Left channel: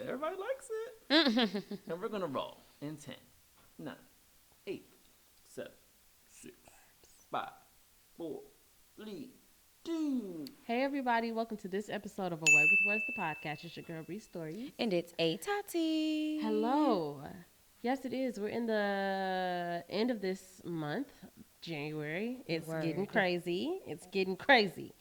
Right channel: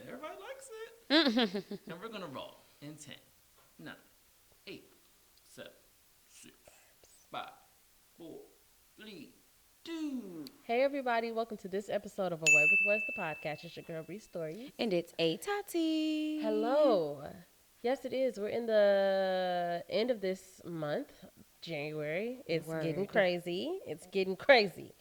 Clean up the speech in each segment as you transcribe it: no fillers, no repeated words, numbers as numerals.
Everybody likes it. And we're going to roll in 10, 9, 8, 7, 6, 5, 4, 3, 2. Hey everybody, welcome to this episode of A Word with Words, the podcast. It's your girl Bree Story. And it's a Tati. Hello. Yes, it is. We're in the end of this month, January. It's getting crazy. It's getting crazy.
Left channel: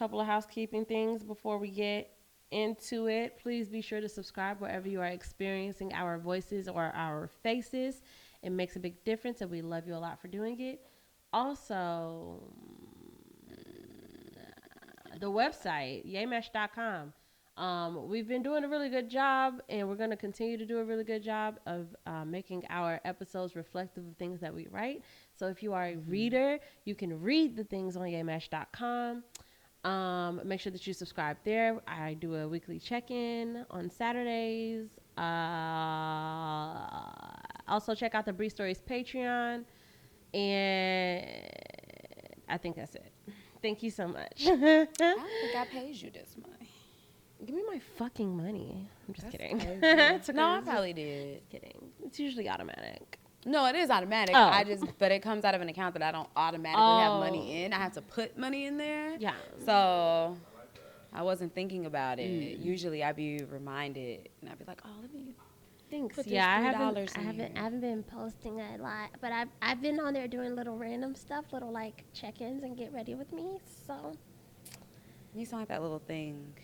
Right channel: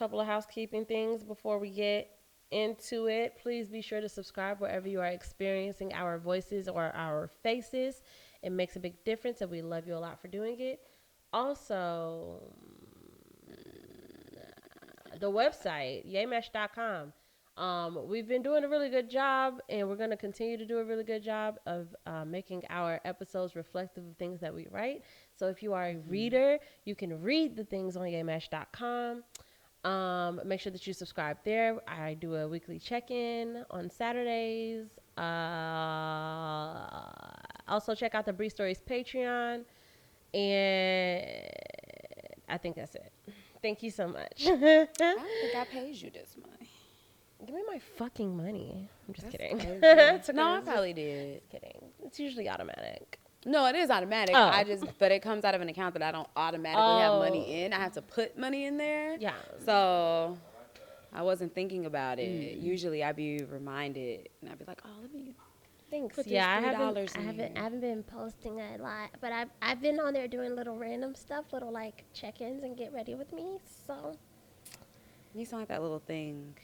Couple of housekeeping things before we get into it. Please be sure to subscribe wherever you are experiencing our voices or our faces. It makes a big difference, and we love you a lot for doing it. Also, the website, yaymesh.com. We've been doing a really good job, and we're going to continue to do a really good job of making our episodes reflective of things that we write. So if you are a reader, you can read the things on yaymesh.com. Make sure that you subscribe there. I do a weekly check-in on Saturdays. Also, check out the Bree Stories Patreon. And I think that's it. Thank you so much. I don't think I paid you this month. Give me my fucking money. That's crazy. No, I probably did. Just kidding. It's usually automatic. No, it is automatic. Oh. But it comes out of an account that I don't automatically have money in. I have to put money in there. Yeah. So I wasn't thinking about it. Usually I'd be reminded and I'd be like, oh, let me put this $3 in there. I haven't been posting a lot, but I've been on there doing little random stuff, little like check-ins and get ready with me. So You sound like that little thing.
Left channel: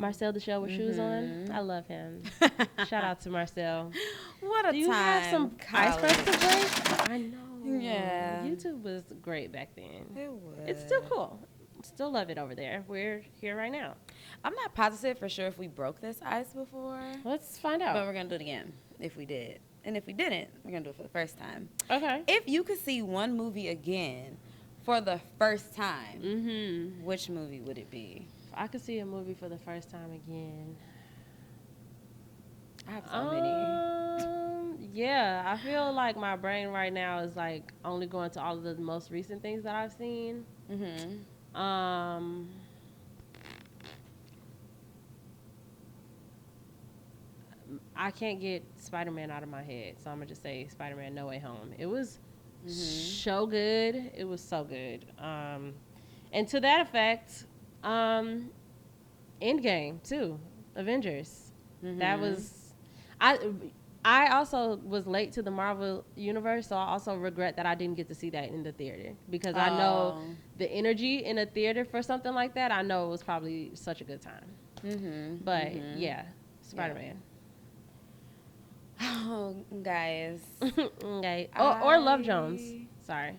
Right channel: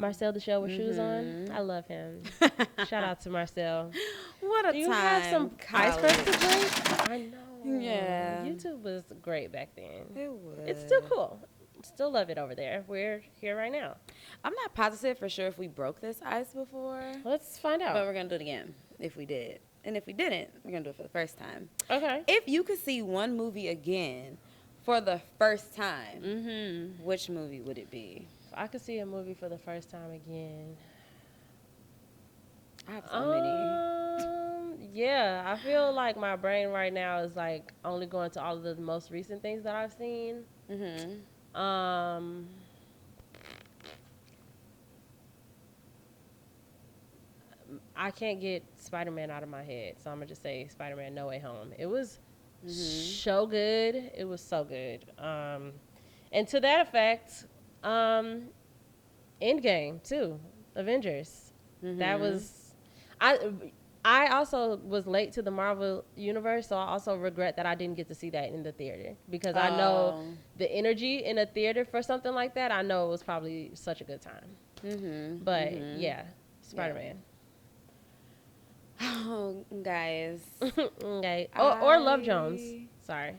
Marcel the show with shoes on. I love him. Shout out to Marcel. What a time, college. I know. Yeah. YouTube was great back then. It was. It's still cool. Still love it over there. We're here right now. I'm not positive for sure if we broke this ice before. Let's find out. But we're going to do it again if we did. And if we didn't, we're going to do it for the first time. Okay. If you could see one movie again for the first time, which movie would it be? I could see a movie for the first time again. I have so many. Yeah, I feel like my brain right now is like only going to all of the most recent things that I've seen. Mm-hmm. I can't get Spider-Man out of my head, so I'm gonna just say Spider-Man No Way Home. It was so good. It was so good. And to that effect, Endgame too, Avengers. That was I also was late to the Marvel universe, so I also regret that I didn't get to see that in the theater because I know the energy in a theater for something like that. I know it was probably such a good time. But yeah, Spider-Man. Oh, guys. Okay. Or Love Jones. Sorry,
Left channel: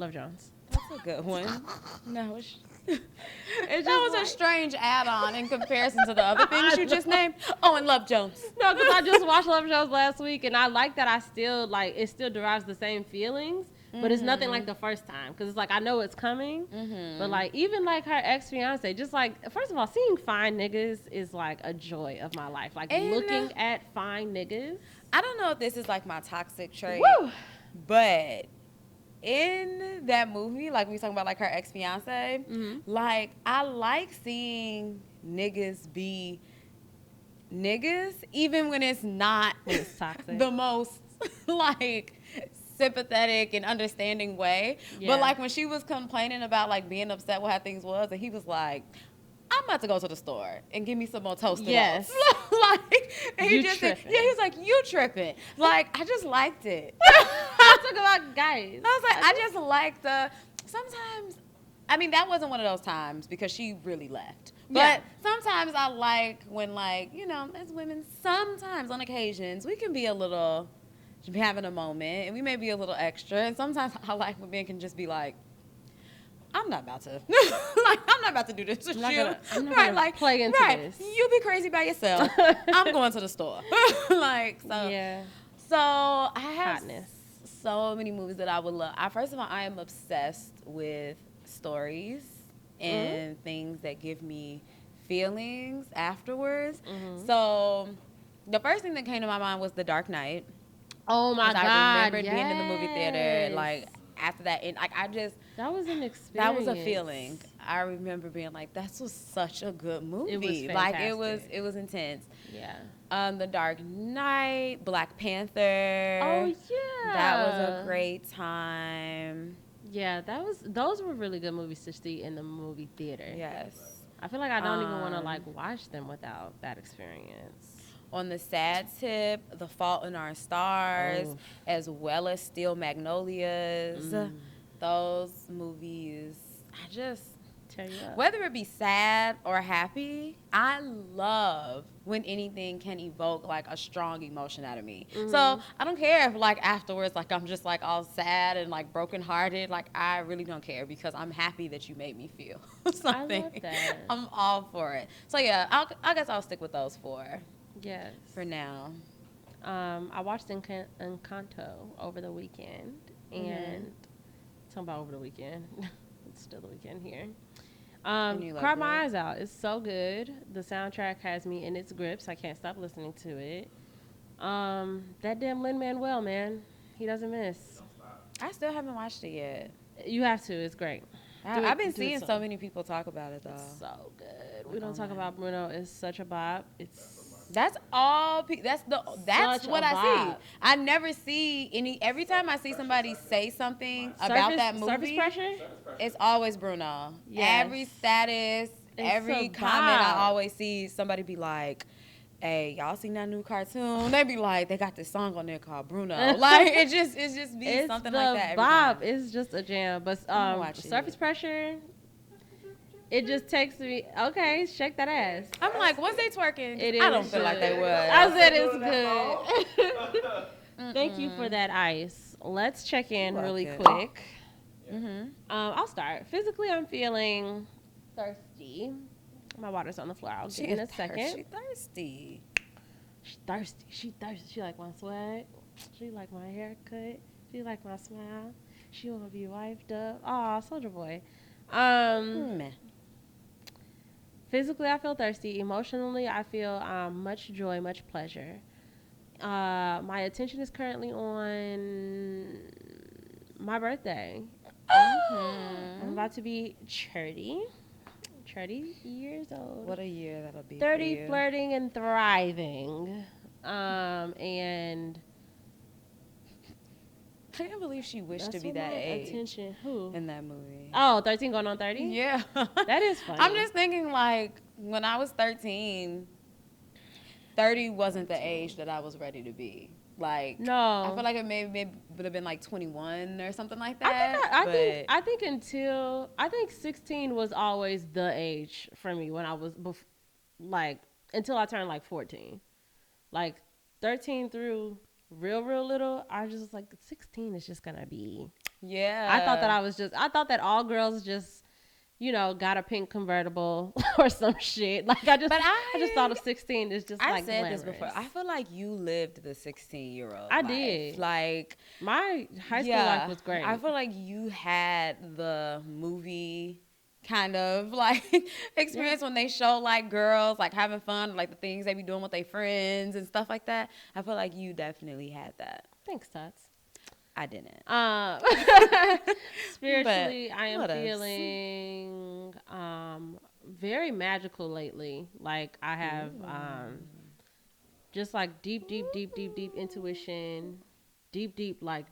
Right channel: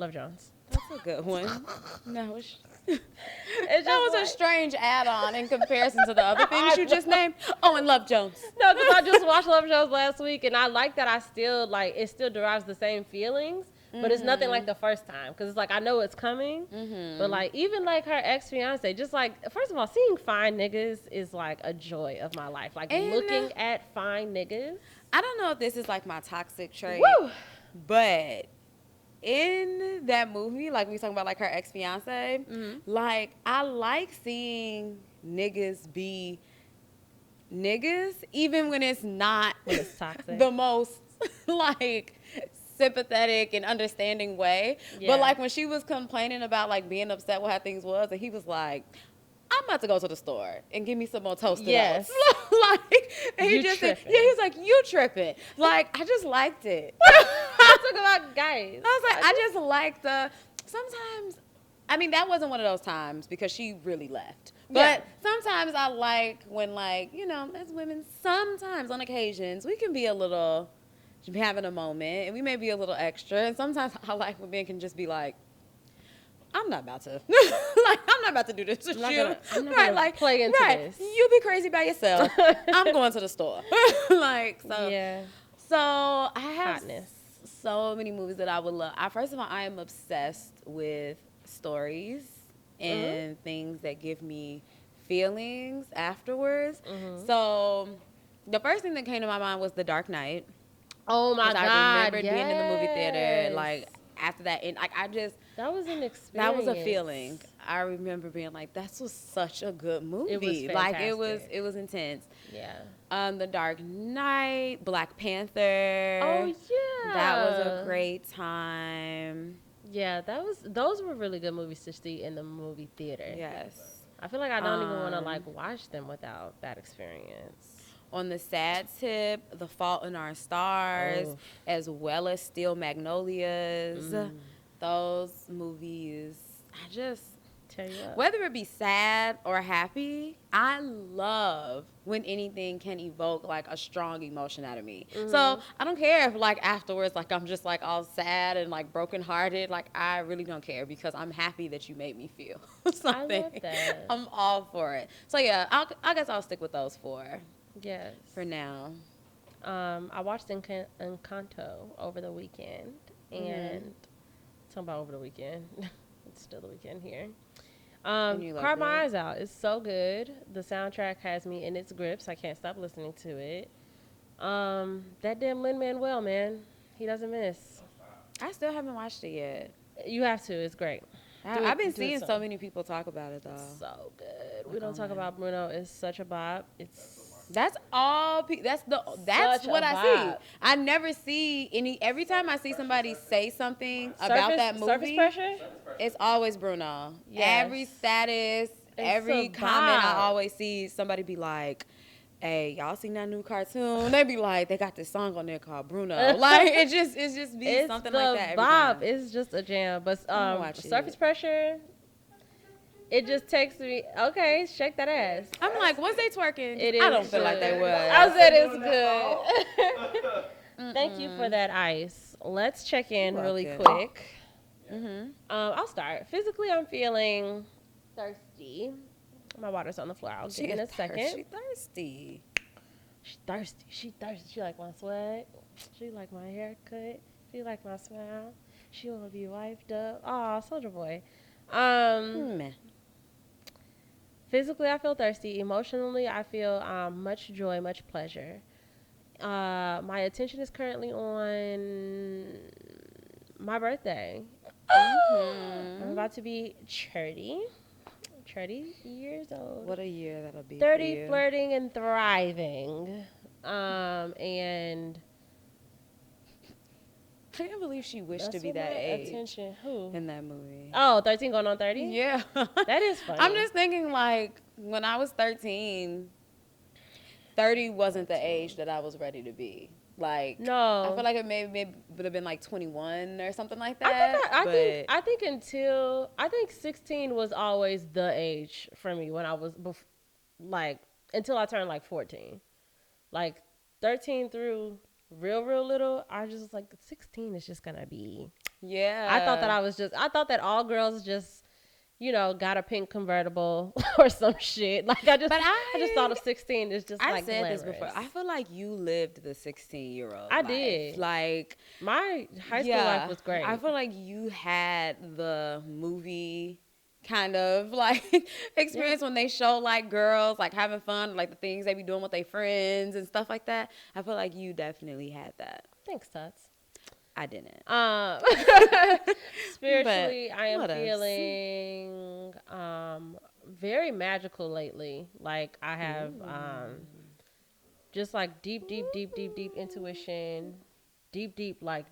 Love Jones. That's a good one. No, that was a strange add-on in comparison to the other things you just named. Oh, and Love Jones. No, because I just watched Love Jones last week, and I like that it still derives the same feelings, but it's nothing like the first time, because it's like, I know it's coming, but like, even like her ex-fiance, just like, first of all, seeing fine niggas is like a joy of my life. Like, looking at fine niggas. I don't know if this is like my toxic trait, but in that movie, like we talking about like her ex-fiance, like I like seeing niggas be niggas, even when it's not the most like sympathetic and understanding way. But like when she was complaining about like being upset with how things was, and he was like, I'm about to go to the store and give me some more toasted oats. Like, and he just said, he was like, you tripping. Like, I just liked it. Guys. I was like, I just like sometimes, I mean, that wasn't one of those times because she really left. But sometimes I like when, like, you know, as women, sometimes on occasions, we can be a little, having a moment, and we may be a little extra. And sometimes I like when men can just be like, I'm not about to, like, I'm not about to do this with you. Right, like, right, you be crazy by yourself. I'm going to the store. Like, so I have so many movies that I would love. First of all, I am obsessed with stories and things that give me feelings afterwards. So the first thing that came to my mind was The Dark Knight. Oh my God. Because I remembered being in the movie theater, like, after that. And, like, That was an experience. That was a feeling. I remember being like, "This was such a good movie. Like it was intense." Yeah. The Dark Knight, Black Panther. Oh, yeah. That was a great time. Yeah, those were really good movies to see in the movie theater. Yes. I feel like I don't even want to like watch them without that experience. On the sad tip, The Fault in Our Stars, as well as Steel Magnolias. Those movies, whether it be sad or happy, I love when anything can evoke like a strong emotion out of me. So I don't care if like afterwards, like I'm just like all sad and like brokenhearted. Like I really don't care because I'm happy that you made me feel something. I'm all for it. So yeah, I guess I'll stick with those four. Yes. For now. I watched Encanto over the weekend. And talking about over the weekend. Still the weekend here. And you loved Cried my it? eyes out. It's so good. The soundtrack has me in its grips. I can't stop listening to it. That damn Lin-Manuel, man. He doesn't miss. I still haven't watched it yet. You have to. It's great. I've been seeing so many people talk about it though. So good. Like We don't talk online. about Bruno. It's such a bop. It's That's all. That's Such what a I see. vibe. I never see any. Every time I see somebody say something about that movie, Surface Pressure? it's always Bruno. Yes. Every status, every a comment, I vibe. always see somebody be like, "Hey, y'all seen that new cartoon?" They be like, "They got this song on there called Bruno." Like it just be It's something like the that every vibe. time. It's just a jam. But I'm gonna watch it. Surface Pressure, it just takes me, okay, shake that ass. I'm like, was they twerking? 'Cause It I don't is. feel like they I was. bet it's good. Thank you for that ice. Let's check in You're really welcome. quick. I'll start. Physically, I'm feeling thirsty. My water's on the floor. I'll She get is in a second. thirsty. Thirsty. She's thirsty. She thirsty. She like my sweat. She like my haircut. She like my smile. She wanna be wiped up. Oh, Soldier Boy. Meh. Physically, I feel thirsty. Emotionally, I feel much joy, much pleasure. My attention is currently on my birthday. I'm about to be 30 years old. What a year that'll be 30, for you. flirting and thriving. And I can't believe she wished to be that age Who? in that movie. Oh, 13 going on 30? Yeah. That is funny. I'm just thinking, like, when I was 13, 30 wasn't the age that I was ready to be. Like, No. I feel like it maybe would have been like 21 or something like that. I think 16 was always the age for me when I was, until I turned like 14. Like, 13 through real little, I was just like, 16 is just gonna be. Yeah. I thought that all girls just, got a pink convertible or some shit. Like I just thought of 16 is just. I like said this glamorous. before. I feel like you lived the 16-year-old I life. did. Like, My high school yeah, life was great. I feel like you had the movie kind of like experience when they show like girls like having fun, like the things they be doing with their friends and stuff like that. I feel like you definitely had that. Thanks, Tuts. I didn't. Spiritually, I am what else? feeling very magical lately. Like I have just like deep intuition, deep. Like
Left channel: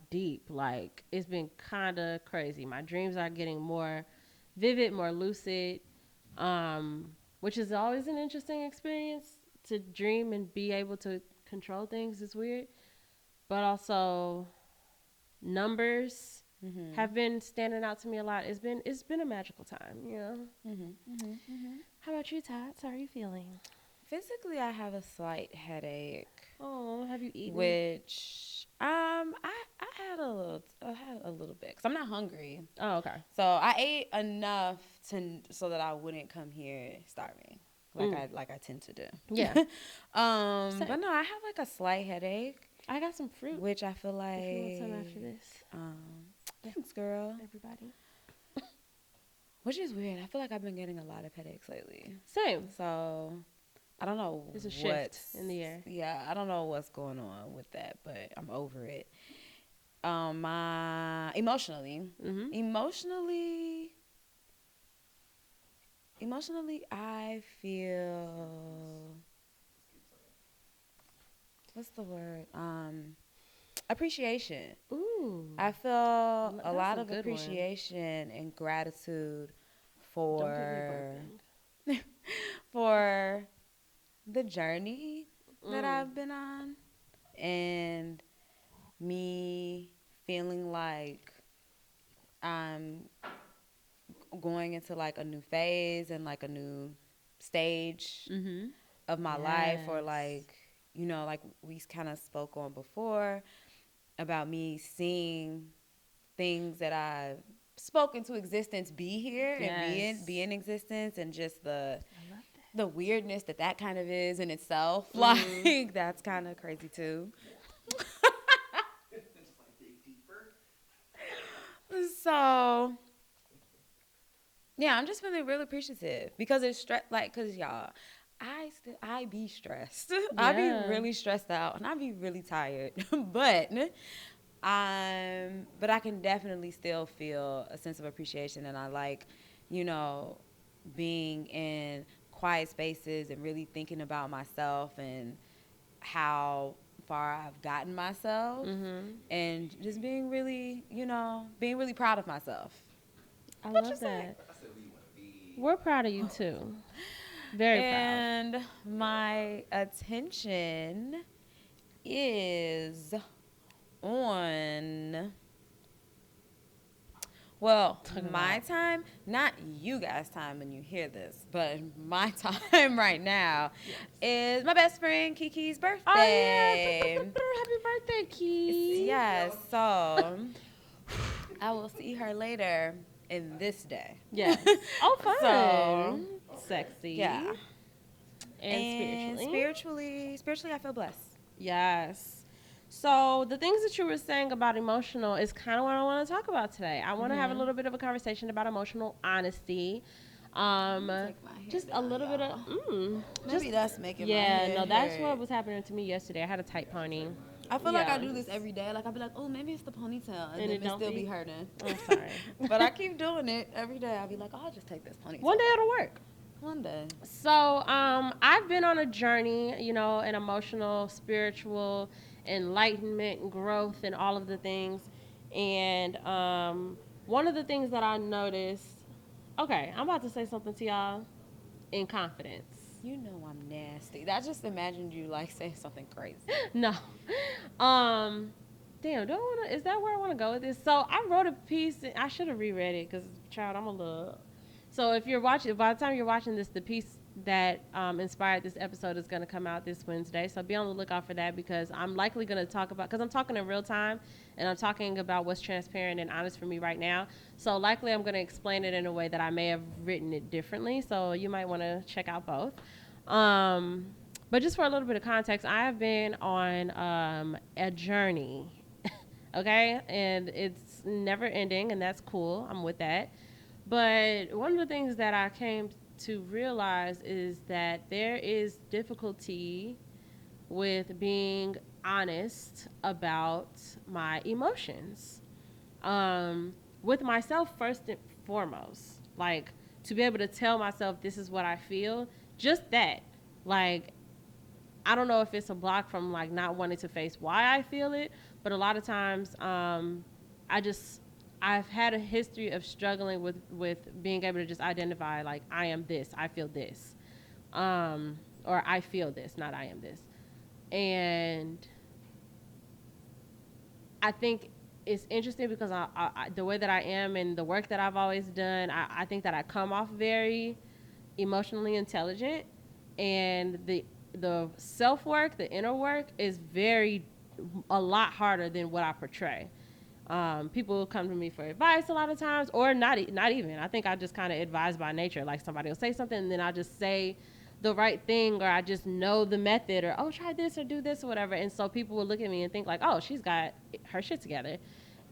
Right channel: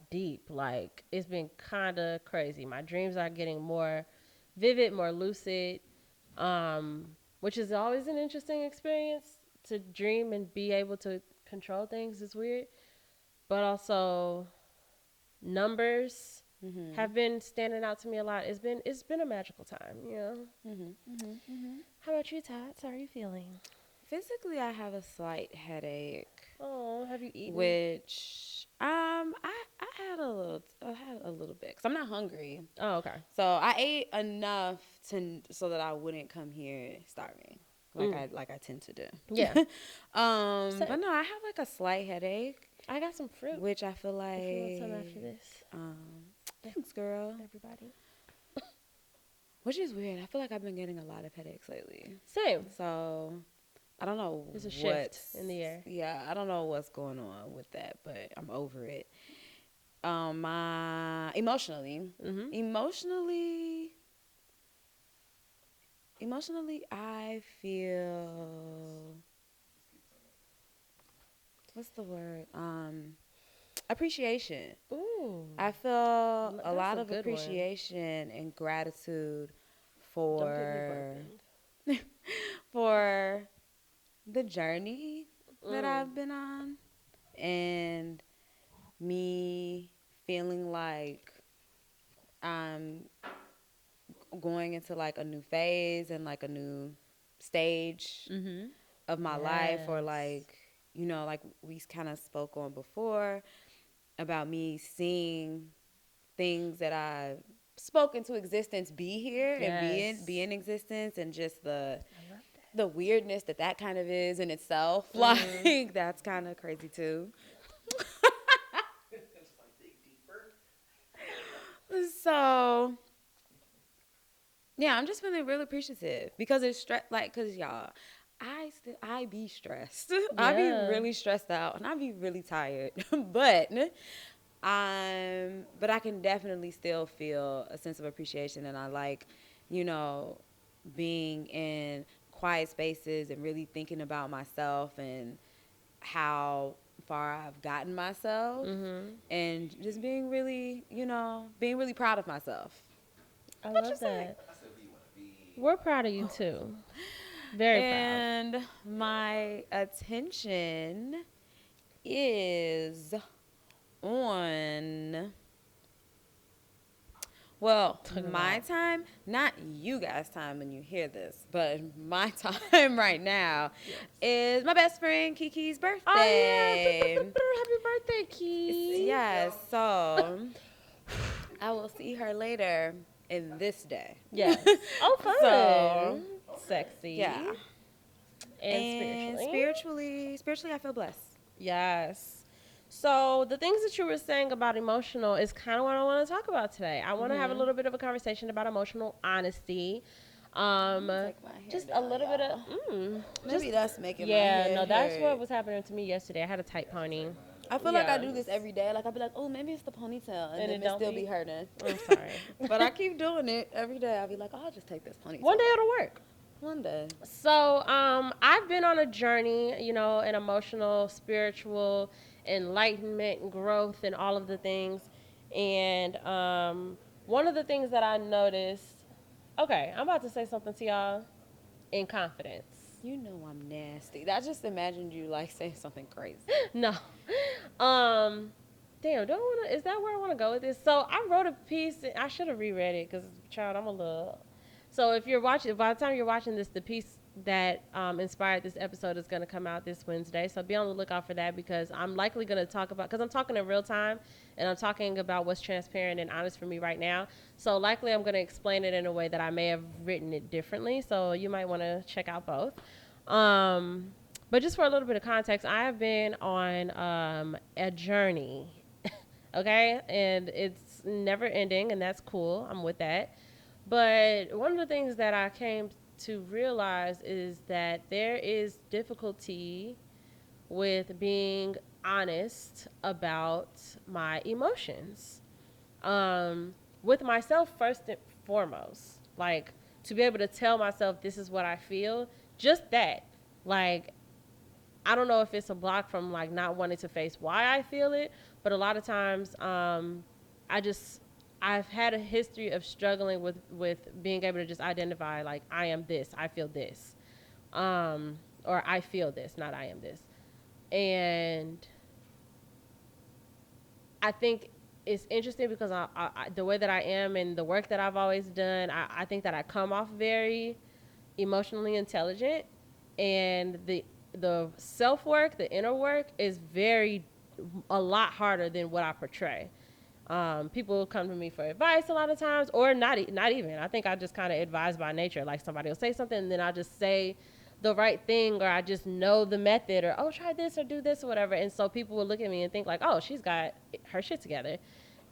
it's been kind of crazy. My dreams are getting more vivid, more lucid, which is always an interesting experience to dream and be able to control things. It's weird, but also numbers have been standing out to me a lot. It's been a magical time, How about you, Tots? How are you feeling? Physically, I have a slight headache. Oh, have you eaten? Which I had a little bit because I'm not hungry. Oh, okay. So I ate enough so that I wouldn't come here starving, like I tend to do. Yeah. But no, I have like a slight headache, I got some fruit. which I feel like thanks, girl. Which is weird. I feel like I've been getting a lot of headaches lately. Same. So I don't know It's a what's shift in the air. yeah, I don't know what's going on with that, but I'm over it. my emotionally, I feel, what's the word? Appreciation. Ooh. I feel a lot a of good one. appreciation and gratitude for for the journey that I've been on, and me feeling like I'm going into like a new phase and like a new stage of my life, or like, like we kind of spoke on before about me seeing things that I've spoken to existence be here and be in existence, and just the weirdness that kind of is in itself. Like, that's kind of crazy too. So yeah, I'm just feeling real appreciative because it's cause y'all, I be stressed. I be really stressed out and I be really tired. but I can definitely still feel a sense of appreciation, and I like, being in quiet spaces and really thinking about myself and how far I've gotten myself, and just being really, being really proud of myself. I What love you say? that. We're proud of you too. Very proud. And my attention is on, well, my time, not you guys' time when you hear this, but my time right now is my best friend Kiki's birthday. Happy birthday, Key. Yes, so I will see her later in this day. Yeah. Oh, fun. So, Sexy. yeah. And And spiritually, I feel blessed. Yes. So the things that you were saying about emotional is kind of what I want to talk about today. I want to have a little bit of a conversation about emotional honesty. Take my hair just down, a little bit of. Maybe that's making my Yeah, hair no, that's hurt. what was happening to me yesterday. I had a tight pony. I feel like I do this every day. Like, I'll be like, oh, maybe it's the ponytail, and And then it it don't still be. be hurting. But I keep doing it every day. I'll be like, oh, I'll just take this ponytail One day out. it'll work. One day. So, I've been on a journey, an emotional, spiritual, enlightenment, growth, and all of the things. And one of the things that I noticed, okay, I'm about to say something to y'all in confidence. You know I'm nasty. I just imagined you, like, saying something crazy. No. Damn, is that where I want to go with this? So I wrote a piece, I should have reread it because, child, I'm a little. So if you're watching, by the time you're watching this, the piece that inspired this episode is going to come out this Wednesday. So be on the lookout for that, because I'm likely going to talk about, because I'm talking in real time and I'm talking about what's transparent and honest for me right now. So likely I'm going to explain it in a way that I may have written it differently. So you might want to check out both. But just for a little bit of context, I have been on a journey, okay? And it's never ending, and that's cool. I'm with that. But one of the things that I came to realize is that there is difficulty with being honest about my emotions. With myself first and foremost. Like, to be able to tell myself this is what I feel, just that. Like, I don't know if it's a block from, like, not wanting to face why I feel it, but a lot of times I've had a history of struggling with being able to just identify, like, I am this, I feel this. Or I feel this, not I am this. And I think it's interesting because the way that I am and the work that I've always done, I think that I come off very emotionally intelligent, and the self-work, the inner work is a lot harder than what I portray. People come to me for advice a lot of times, or not even. I think I just kind of advise by nature. Like, somebody will say something, and then I'll just say the right thing, or I just know the method, or, oh, try this, or do this, or whatever. And so people will look at me and think, like, oh, she's got her shit together.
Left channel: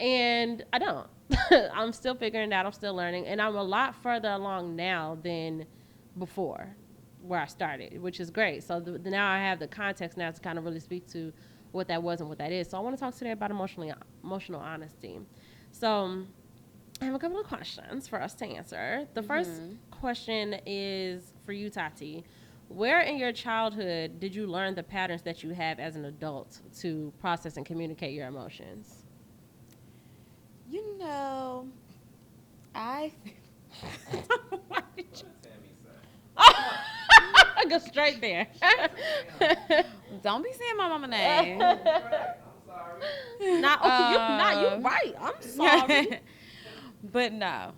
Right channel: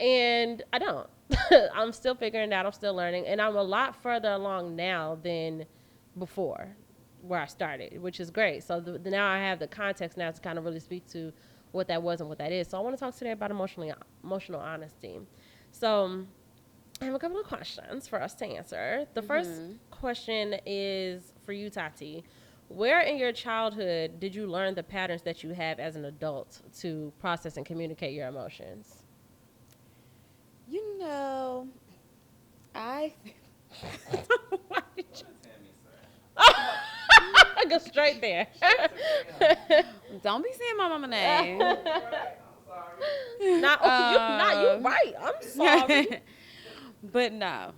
And I don't. I'm still figuring it out. I'm still learning. And I'm a lot further along now than before, where I started, which is great. So now I have the context now to kind of really speak to what that was and what that is. So I want to talk today about emotional honesty. So I have a couple of questions for us to answer. The first question is for you, Tati. Where in your childhood did you learn the patterns that you have as an adult to process and communicate your emotions? You know, I. Why did you- What did Tammy say? Just straight there. Don't be saying my mama name. Right. I'm sorry. You're right. I'm sorry. But no,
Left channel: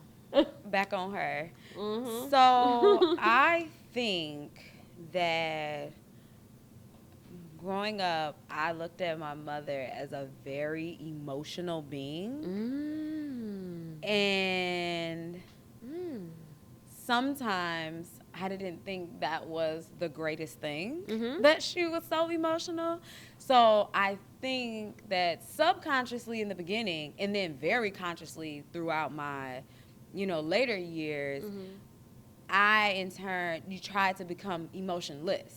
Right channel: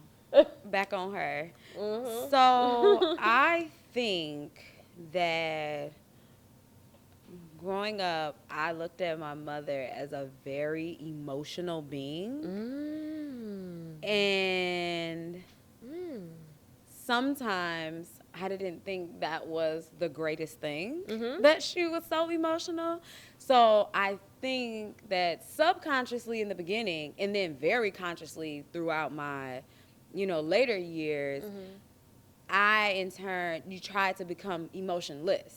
back on her. Mhm. So I think that growing up, I looked at my mother as a very emotional being. And sometimes I didn't think that was the greatest thing, that she was so emotional. So I think that subconsciously in the beginning and then very consciously throughout my, later years, I in turn, you tried to become emotionless,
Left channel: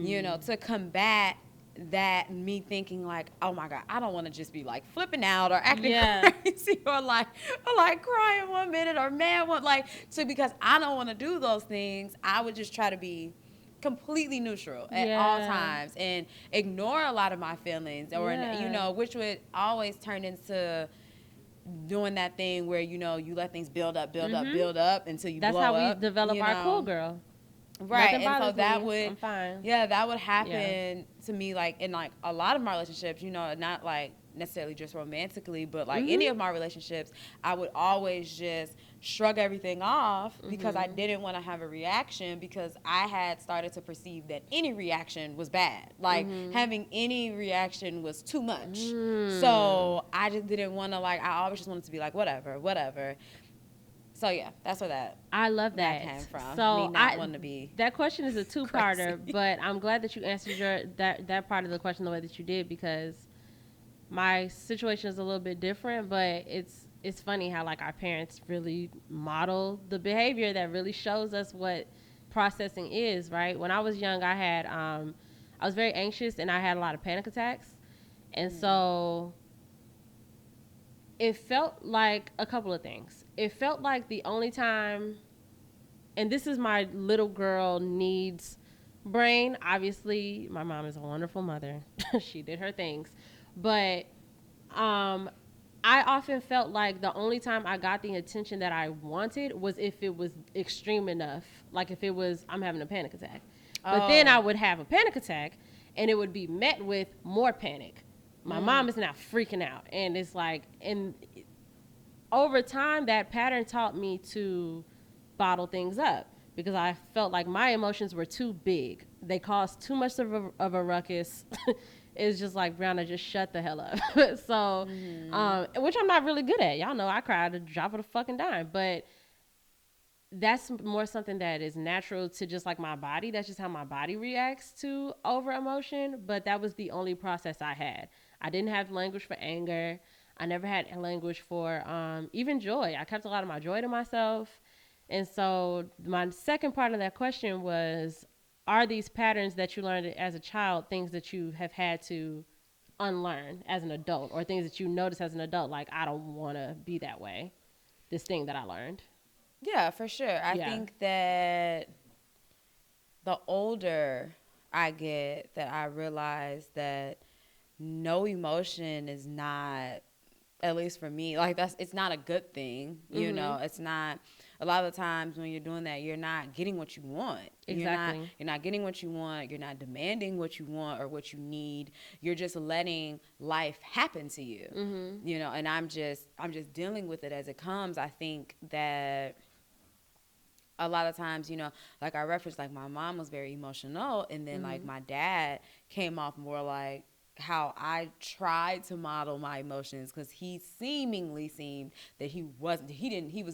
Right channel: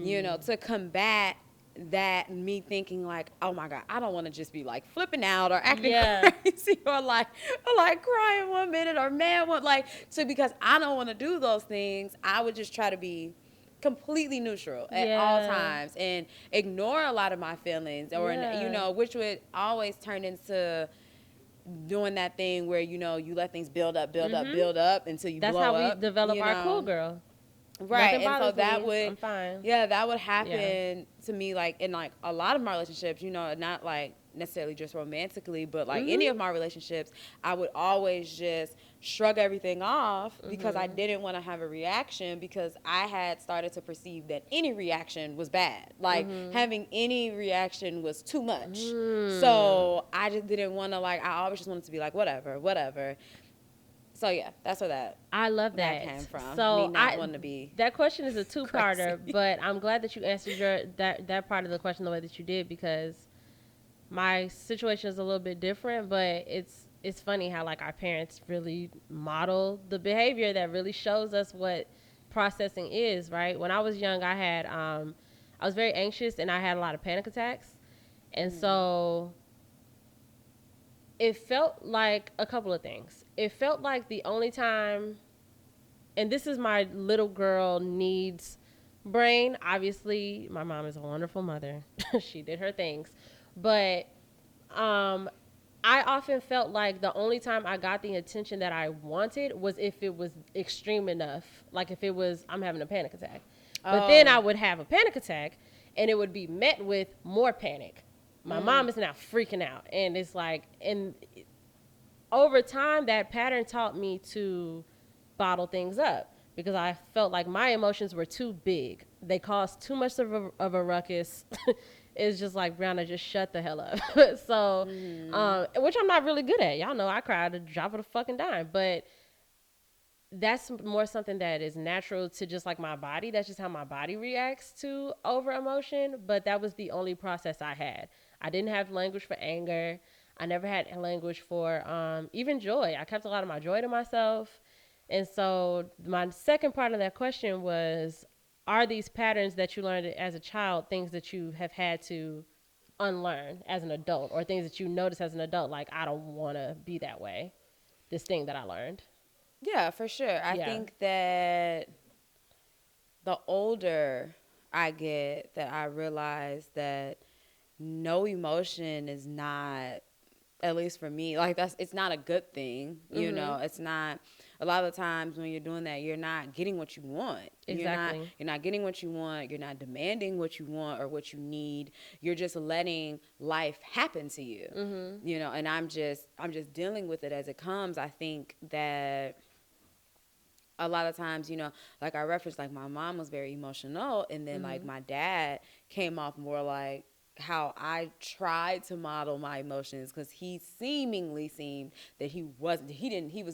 to combat that me thinking like, oh my God, I don't want to just be like flipping out or acting crazy or like crying one minute or mad one, because I don't want to do those things. I would just try to be completely neutral at all times and ignore a lot of my feelings which would always turn into doing that thing where, you let things build up until you blow up, Cool girl. Right, and so that would happen to me, like, in, like, a lot of my relationships, not, like, necessarily just romantically, but, like, any of my relationships, I would always just shrug everything off because I didn't want to have a reaction because I had started to perceive that any reaction was bad. Like, having any reaction was too much. So I just didn't want to, like, I always just wanted to be like, whatever. So, yeah, that's where I love that came from. So me not wanting to be that question is a two-parter, but I'm glad that you answered that part of the question the way that you did because my situation is a little bit different, but it's funny how like our parents really model the behavior that really shows us what processing is, right? When I was young, I was very anxious and I had a lot of panic attacks, and so it felt like a couple of things. It felt like the only time, and this is my little girl needs brain. Obviously, my mom is a wonderful mother. She did her things. But I often felt like the only time I got the attention that I wanted was if it was extreme enough. Like if it was, I'm having a panic attack. But then I would have a panic attack, and it would be met with more panic. My mom is now freaking out. And it's like, and over time, that pattern taught me to bottle things up because I felt like my emotions were too big. They caused too much of a ruckus. It's just like, Brianna, just shut the hell up. So, which I'm not really good at. Y'all know I cry at the drop of a fucking dime. But that's more something that is natural to just like my body. That's just how my body reacts to over emotion. But that was the only process I had. I didn't have language for anger. I never had language for even joy. I kept a lot of my joy to myself. And so my second part of that question was, are these patterns that you learned as a child things that you have had to unlearn as an adult, or things that you notice as an adult, like, I don't want to be that way, this thing that I learned? Yeah, for sure. I think that the older I get, that I realize that no emotion is not, at least for me, like it's not a good thing. It's not, a lot of the times when you're doing that, you're not getting what you want. Exactly. You're not getting what you want. You're not demanding what you want or what you need. You're just letting life happen to you. And I'm just dealing with it as it comes. I think that a lot of times, like I referenced, like my mom was very emotional, and then like my dad came off more like how I tried to model my emotions, because he seemingly seemed that he was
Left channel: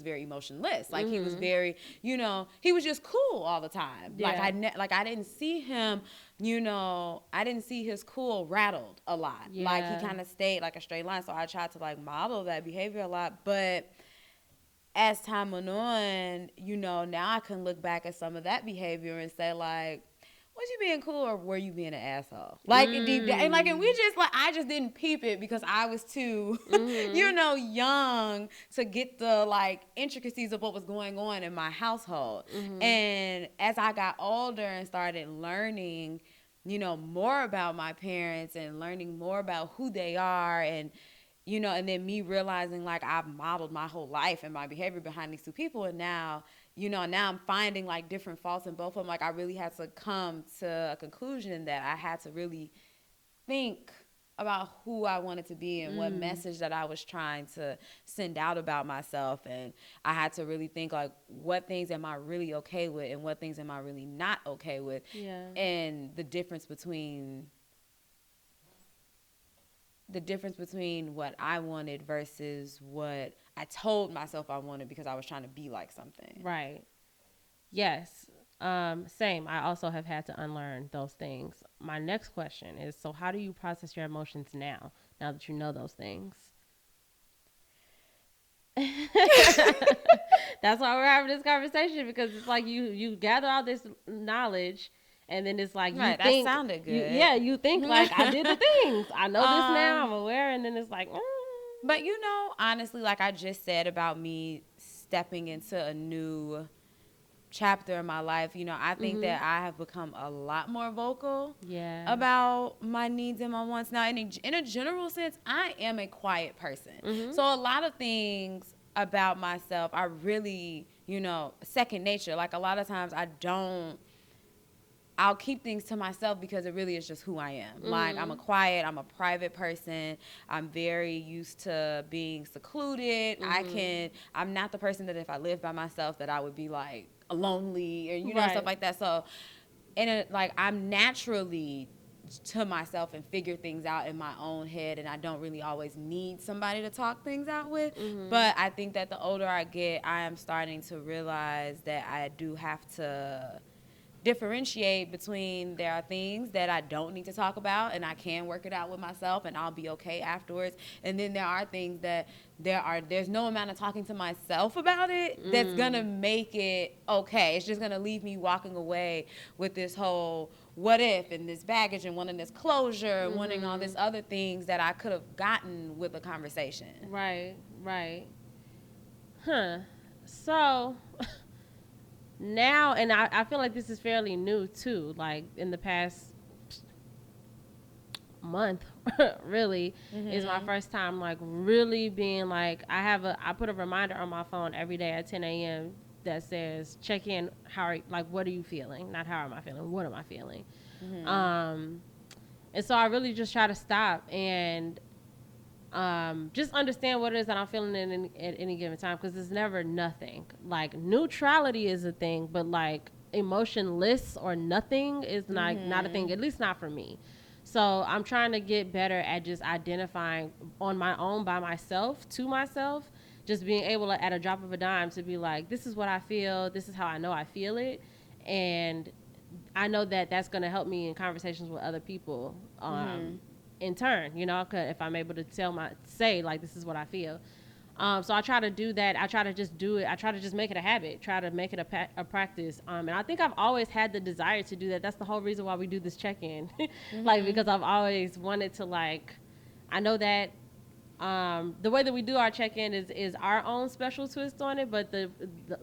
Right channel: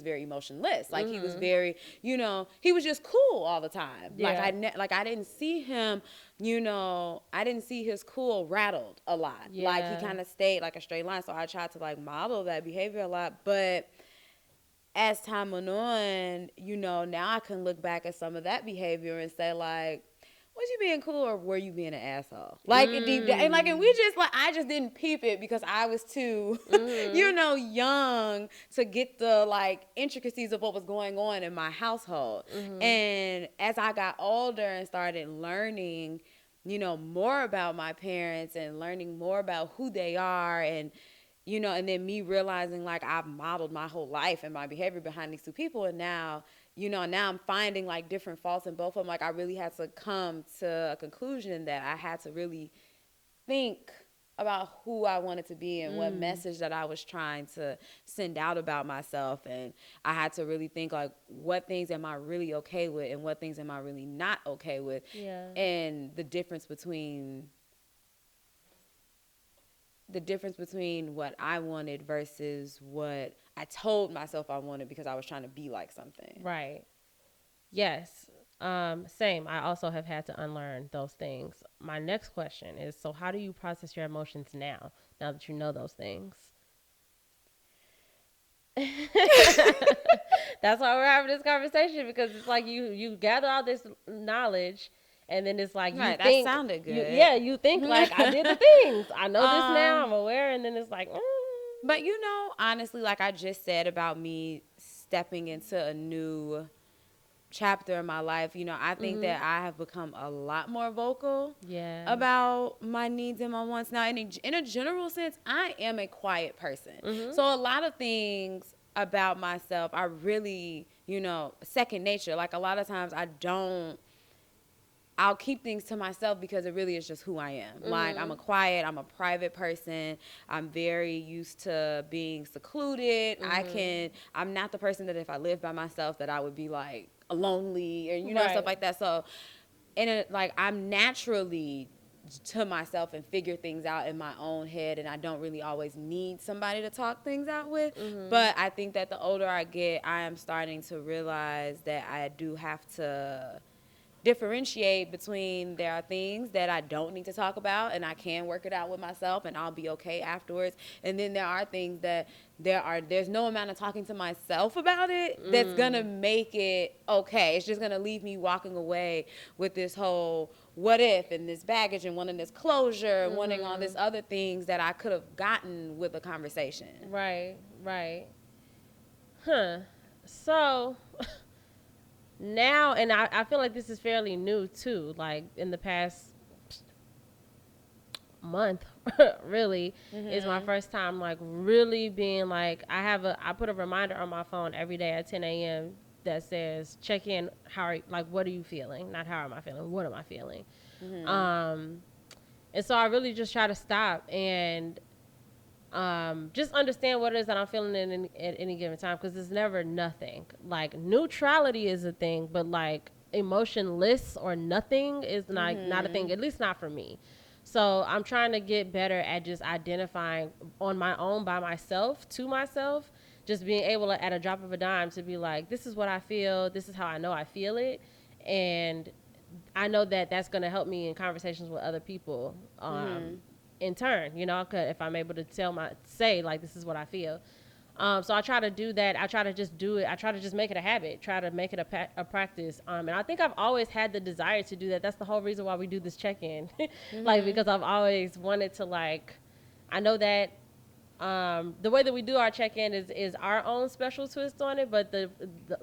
very emotionless. Like he was very, he was just cool all the time. Like I didn't see him, I didn't see his cool rattled a lot. Like he kind of stayed like a straight line. So I tried to like model that behavior a lot, but as time went on, now I can look back at some of that behavior and say like, was you being cool or were you being an asshole? Like deep down, and we just I just didn't peep it because I was too, young to get the intricacies of what was going on in my household. And as I got older and started learning, more about my parents and learning more about who they are and and then me realizing I've modeled my whole life and my behavior behind these two people. And now, now I'm finding different faults in both of them. I really had to come to a conclusion that I had to really think about who I wanted to be and what message that I was trying to send out about myself. And I had to really think what things am I really okay with and what things am I really not okay with. Yeah. And the difference between what I wanted versus what I told myself I wanted because I was trying to be like something. Right. Yes. Same. I also have had to unlearn those things. My next question is, so how do you process your emotions now that you know those things? That's why we're having this conversation, because it's you gather all this knowledge. And then it's right, that sounded good. You think I did the things. I know this now, I'm aware, and then it's But honestly, like I just said about me stepping into a new chapter in my life, I think that I have become a lot more vocal about my needs and my wants. Now, in a general sense, I am a quiet person. So a lot of things about myself are really, second nature. A lot of times I'll keep things to myself because it really is just who I am. I'm a private person. I'm very used to being secluded. I'm not the person that if I lived by myself that I would be lonely or, stuff like that. So, I'm naturally to myself and figure things out in my own head, and I don't really always need somebody to talk things out with. But I think that the older I get, I am starting to realize that I do have to differentiate between there are things that I don't need to talk about and I can work it out with myself and I'll be okay afterwards. And then there are things that there's no amount of talking to myself about it that's gonna make it okay. It's just gonna leave me walking away with this whole what if and this baggage and wanting this closure and wanting all this other things that I could have gotten with a conversation. Right. So now, and I feel like this is fairly new too, in the past month, really, is my first time really being I put a reminder on my phone every day at 10 a.m. that says check in, what are you feeling? Not how am I feeling, what am I feeling? And so I really just try to stop and just understand what it is that I'm feeling at any given time, because it's never nothing. Neutrality is a thing, but emotionless or nothing is not a thing, at least not for me. So I'm trying to get better at just identifying on my own by myself, to myself, just being able to, at a drop of a dime, to be this is what I feel, this is how I know I feel it, and I know that that's going to help me in conversations with other people. In turn, if I'm able to say this is what I feel. So I try to do that. I try to just do it. I try to just make it a habit, try to make it a practice. And I think I've always had the desire to do that. That's the whole reason why we do this check-in. Because I've always wanted to I know that the way that we do our check-in is our own special twist on it, but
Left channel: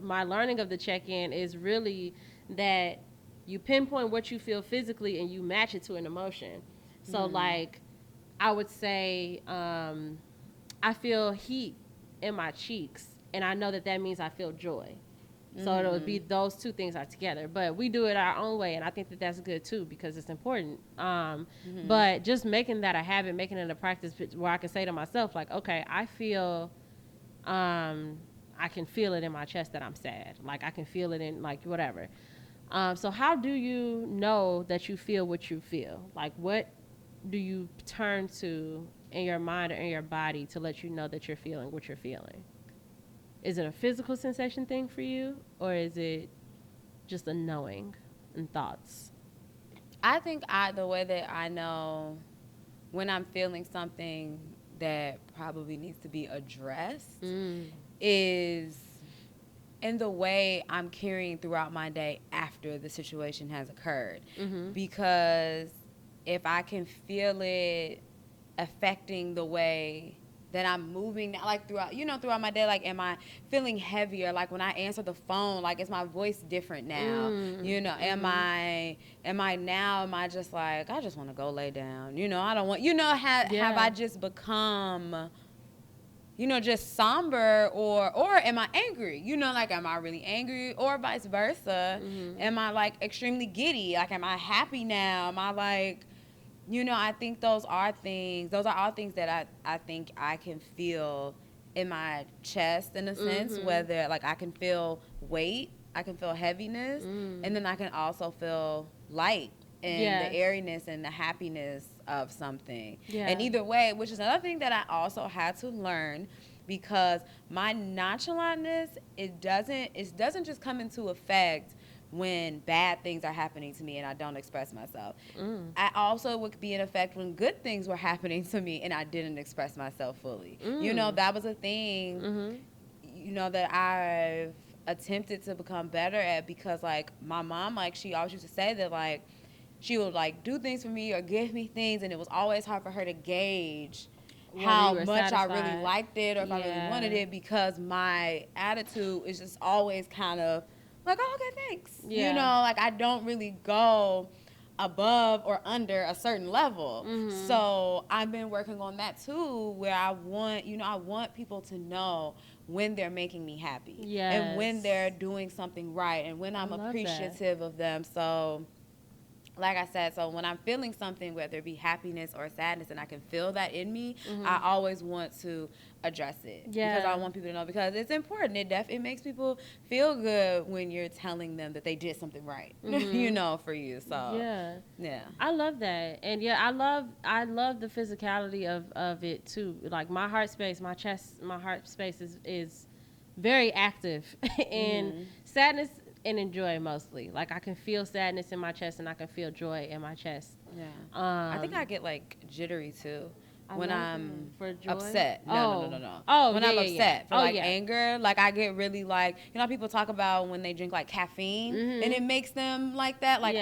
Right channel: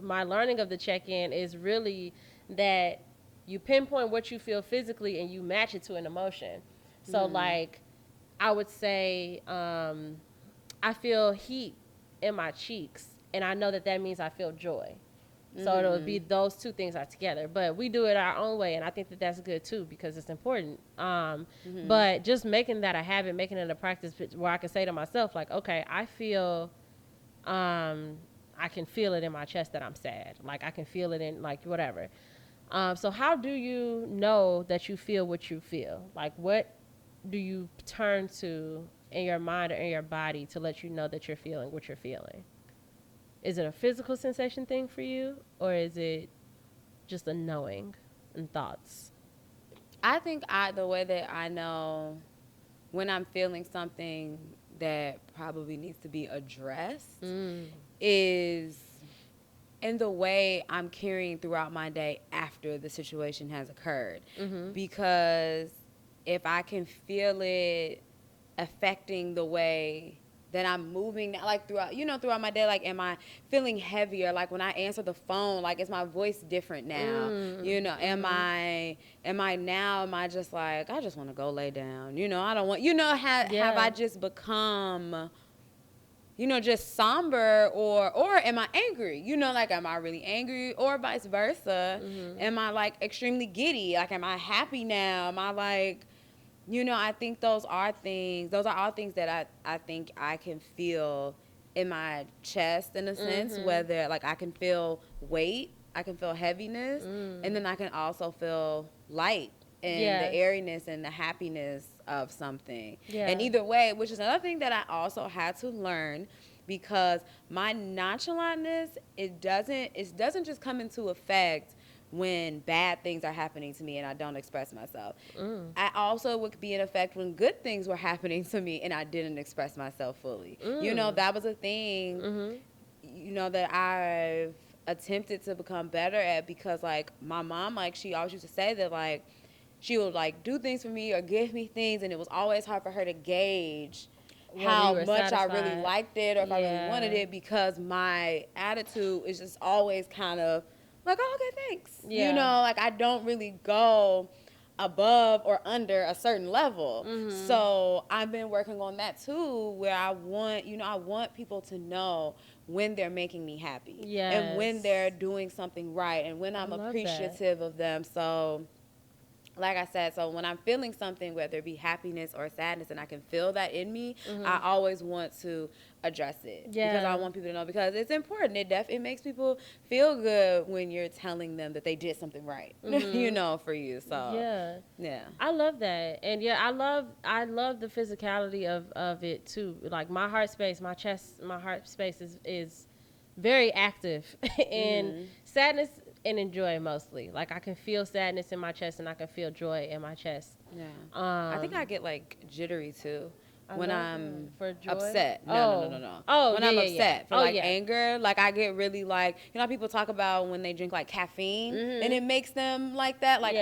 my learning of the check-in is really that you pinpoint what you feel physically and you match it to an emotion. So I would say I feel heat in my cheeks, and I know that means I feel joy. So it'll be those two things are together. But we do it our own way, and I think that that's good too because it's important. But just making that a habit, making it a practice where I can say to myself, okay, I feel, I can feel it in my chest that I'm sad. I can feel it in whatever. So how do you know that you feel what you feel? What do you turn to in your mind or in your body to let you know that you're feeling what you're feeling? Is it a physical sensation thing for you, or is it just a knowing and thoughts? I think the way that I know when I'm feeling something that probably needs to be addressed is in the way I'm carrying throughout my day after the situation has occurred. Because if I can feel it affecting the way that I'm moving, like throughout my day, like, am I feeling heavier? Like when I answer the phone, like, is my voice different now? Am I just like, I just want to go lay down? I don't want, have I just become, just somber, or am I angry? Like, am I really angry, or vice versa? Am I like extremely giddy? Like, am I happy now? Am I like, I think those are all things that I think I can feel in my chest, in a sense, whether, like, I can feel weight, I can feel heaviness, and then I can also feel light and the airiness and the happiness of something. And either way, which is another thing that I also had to learn, because my nonchalantness, it doesn't just come into effect when bad things are happening to me and I don't express myself. I also would be in effect when good things were happening to me and I didn't express myself fully. That was a thing, that I've attempted to become better at, because, like, my mom, like, she always used to say that, like, she would, like, do things for me or give me things, and it was always hard for her to gauge how much I really liked it or if I really wanted it, because my attitude is just always kind of like, oh, okay, thanks. Like, I don't really go above or under a certain level. So I've been working on that too, where I want people to know when they're making me happy and when they're doing something right and when I'm appreciative of them. So, like I said, so when I'm feeling something, whether it be happiness or sadness, and I can feel that in me, I always want to address it, because I want people to know, because it's important. It makes people feel good when you're telling them that they did something right, for you. So, yeah. I love that. And I love the physicality of it too. Like, my heart space, my chest, my heart space is very active. And sadness and joy mostly. Like, I can feel sadness in my chest and I can feel joy in my chest. Yeah. I think I get, like, jittery too when I'm for joy? upset. No. Oh, when I'm upset for, like, anger, like, I get really, like, people talk about when they drink, like, caffeine and it makes them like that. Like,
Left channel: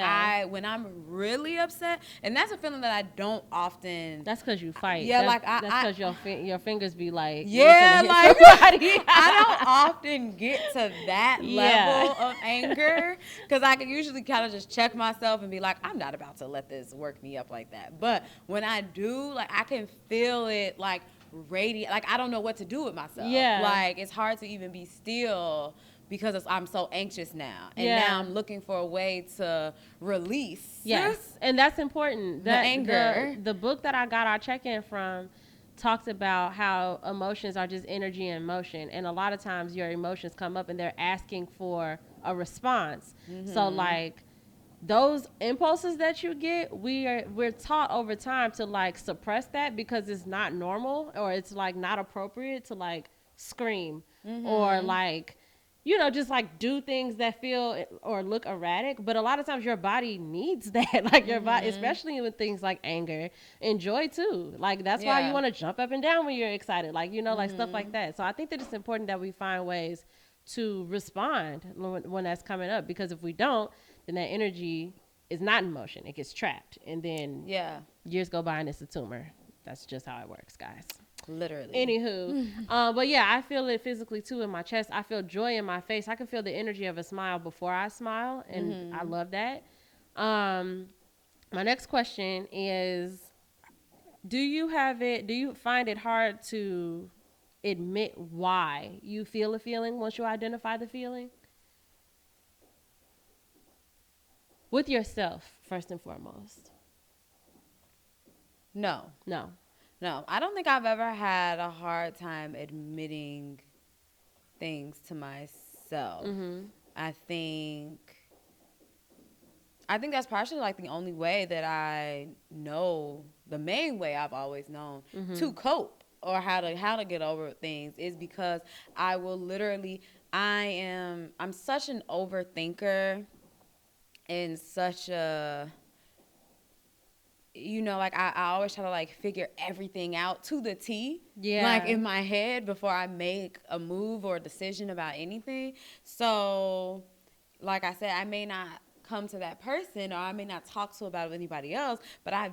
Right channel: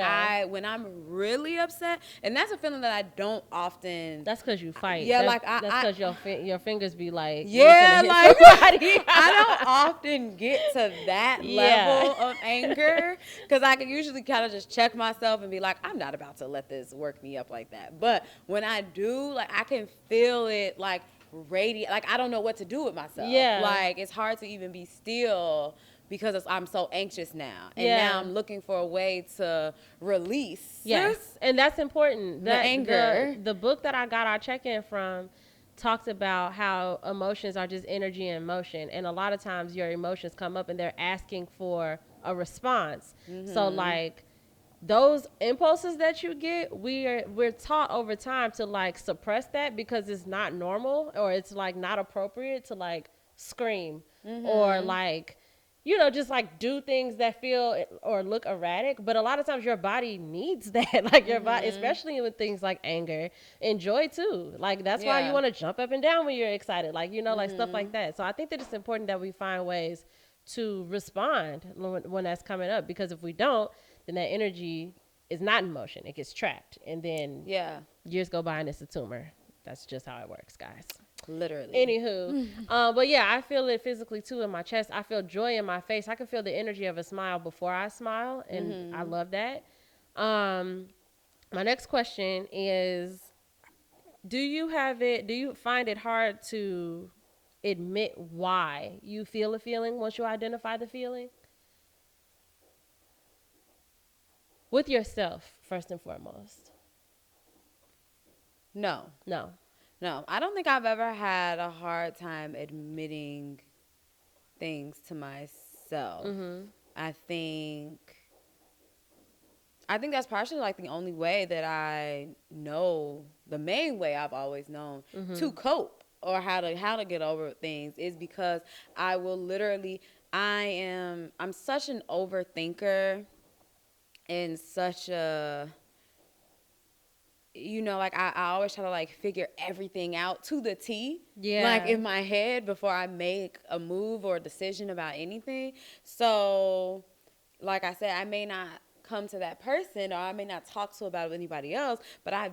when I'm really upset, and that's a feeling that I don't often. That's because you fight. Yeah, that's, like, that's because your fingers be like. Yeah, like, I don't often get to that level of anger, because I can usually kind of just check myself and be like, I'm not about to let this work me up like that. But when I do, like, I can feel it, like, radiate. Like, I don't know what to do with myself. Like, it's hard to even be still, because I'm so anxious now. And now I'm looking for a way to release. Yes, and that's important. The anger. The book that I got our check-in from talks about how emotions are just energy in motion, and a lot of times your emotions come up and they're asking for a response. So, like, those impulses that you get, we're taught over time to, like, suppress that, because it's not normal, or it's, like, not appropriate to, like, scream or, like, just, like, do things that feel or look erratic. But a lot of times your body needs that, like, your body, especially with things like anger and joy too. Like, that's why you want to jump up and down when you're excited, like, like, stuff like that. So I think that it's important that we find ways to respond when that's coming up, because if we don't, then that energy is not in motion. It gets trapped, and then years go by and it's a tumor. That's just how it works, guys. Literally. Anywho, but yeah, I feel it physically too in my chest. I feel joy in my face. I can feel the energy of a smile before I smile, and I love that. My next question is, do you find it hard to admit why you feel a feeling once you identify the feeling? With yourself, first and foremost. No. I don't think I've ever had a hard time admitting things to myself. I think that's partially, like, the only way that I know, the main way I've always known to cope, or how to get over things, is because I will literally, I'm such an overthinker, and such a, like, I always try to, like, figure everything out to the T. Yeah. like in my head before I make a move or a decision about anything. So, like I said, I may not come to that person or I may not talk to about it with anybody else, but I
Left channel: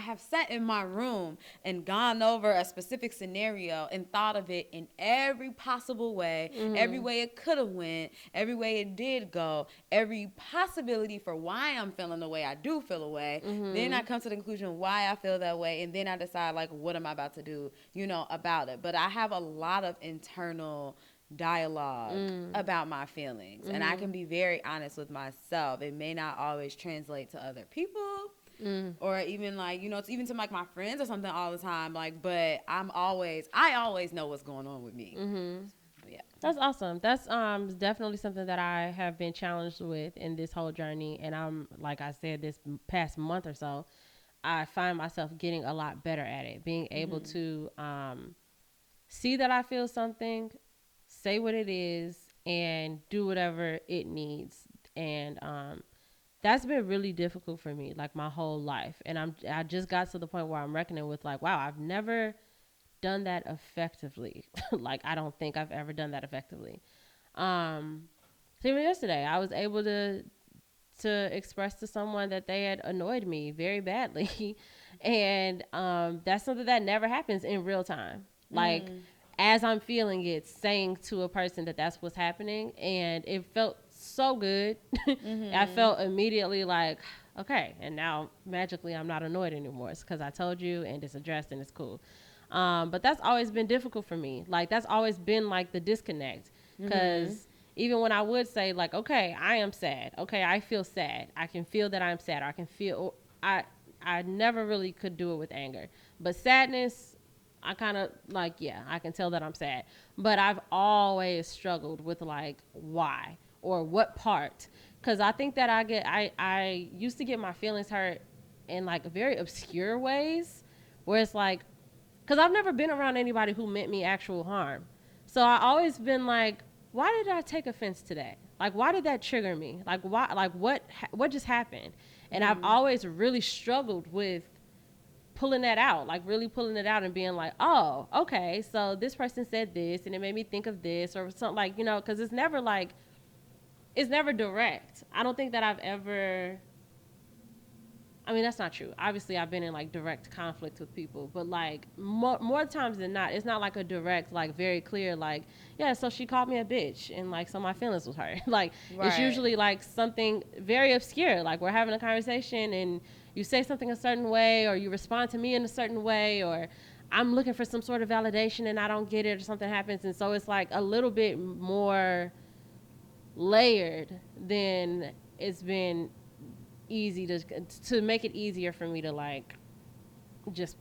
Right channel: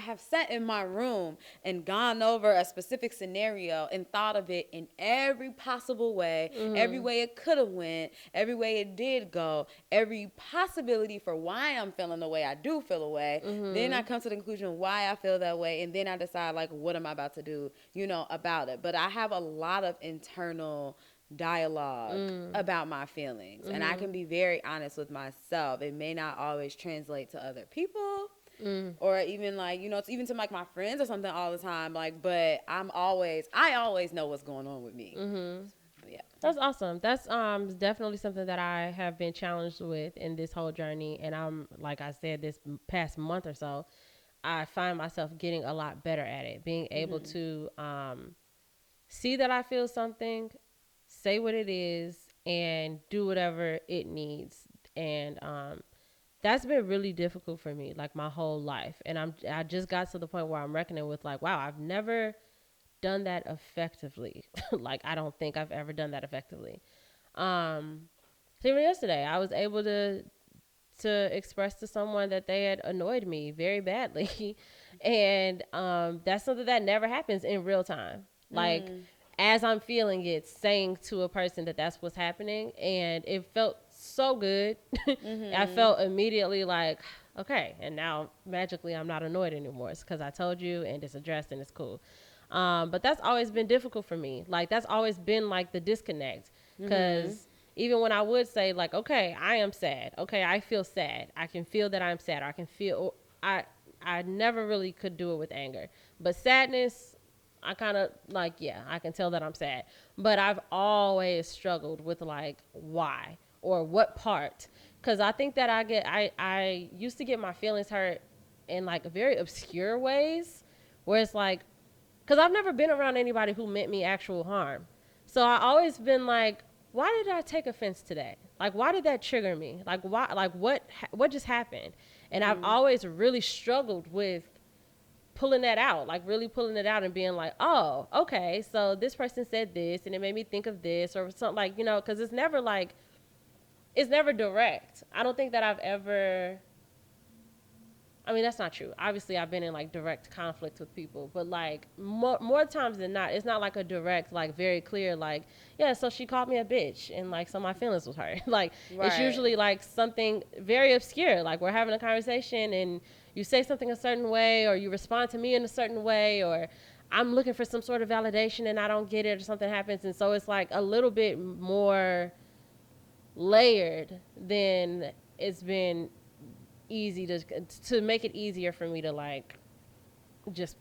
have sat in my room and gone over a specific scenario and thought of it in every possible way, every way it could have went, every way it did go, every possibility for why I'm feeling the way I do feel away. Then I come to the conclusion why I feel that way, and then I decide like what am I about to do, about it. But I have a lot of internal dialogue about my feelings, and I can be very honest with myself. It may not always translate to other people, or even like it's even to like my friends or something all the time. Like, but I always know what's going on with me. Yeah, That's awesome. That's definitely something that I have been challenged with in this whole journey, and I'm like I said, this past month or so, I find myself getting a lot better at it, being able to see that I feel something, say what it is, and do whatever it needs. And that's been really difficult for me, like my whole life. And I just got to the point where I'm reckoning with like, wow, I've never done that effectively. Like I don't think I've ever done that effectively. Even yesterday, I was able to express to someone that they had annoyed me very badly, and that's something that never happens in real time. Like as I'm feeling it, saying to a person that that's what's happening, and it felt so good. I felt immediately like, okay, and now magically I'm not annoyed anymore. It's because I told you, and it's addressed, and it's cool. But that's always been difficult for me. Like that's always been like the disconnect, because even when I would say like, okay, I am sad. Okay, I feel sad. I can feel that I'm sad. I can feel. I never really could do it with anger, but sadness, I kind of like, yeah, I can tell that I'm sad. But I've always struggled with like why or what part, because I think that I used to get my feelings hurt in like very obscure ways, where it's like, because I've never been around anybody who meant me actual harm. So I always been like, why did I take offense today? Like, why did that trigger me? Like, why? Like, what just happened? And I've always really struggled with pulling that out, like really pulling it out and being like, oh, okay, so this person said this, and it made me think of this, or something like, because it's never direct. I don't think that I've ever. I mean, that's not true. Obviously, I've been in like direct conflicts with people, but like more times than not, it's not like a direct, like very clear, like, yeah, so she called me a bitch, and like, so my feelings was hurt. Like, right. It's usually like something very obscure, like we're having a conversation and you say something a certain way, or you respond to me in a certain way, or I'm looking for some sort of validation and I don't get it, or something happens, and so it's like a little bit more layered than it's been easy to make it easier for me to like just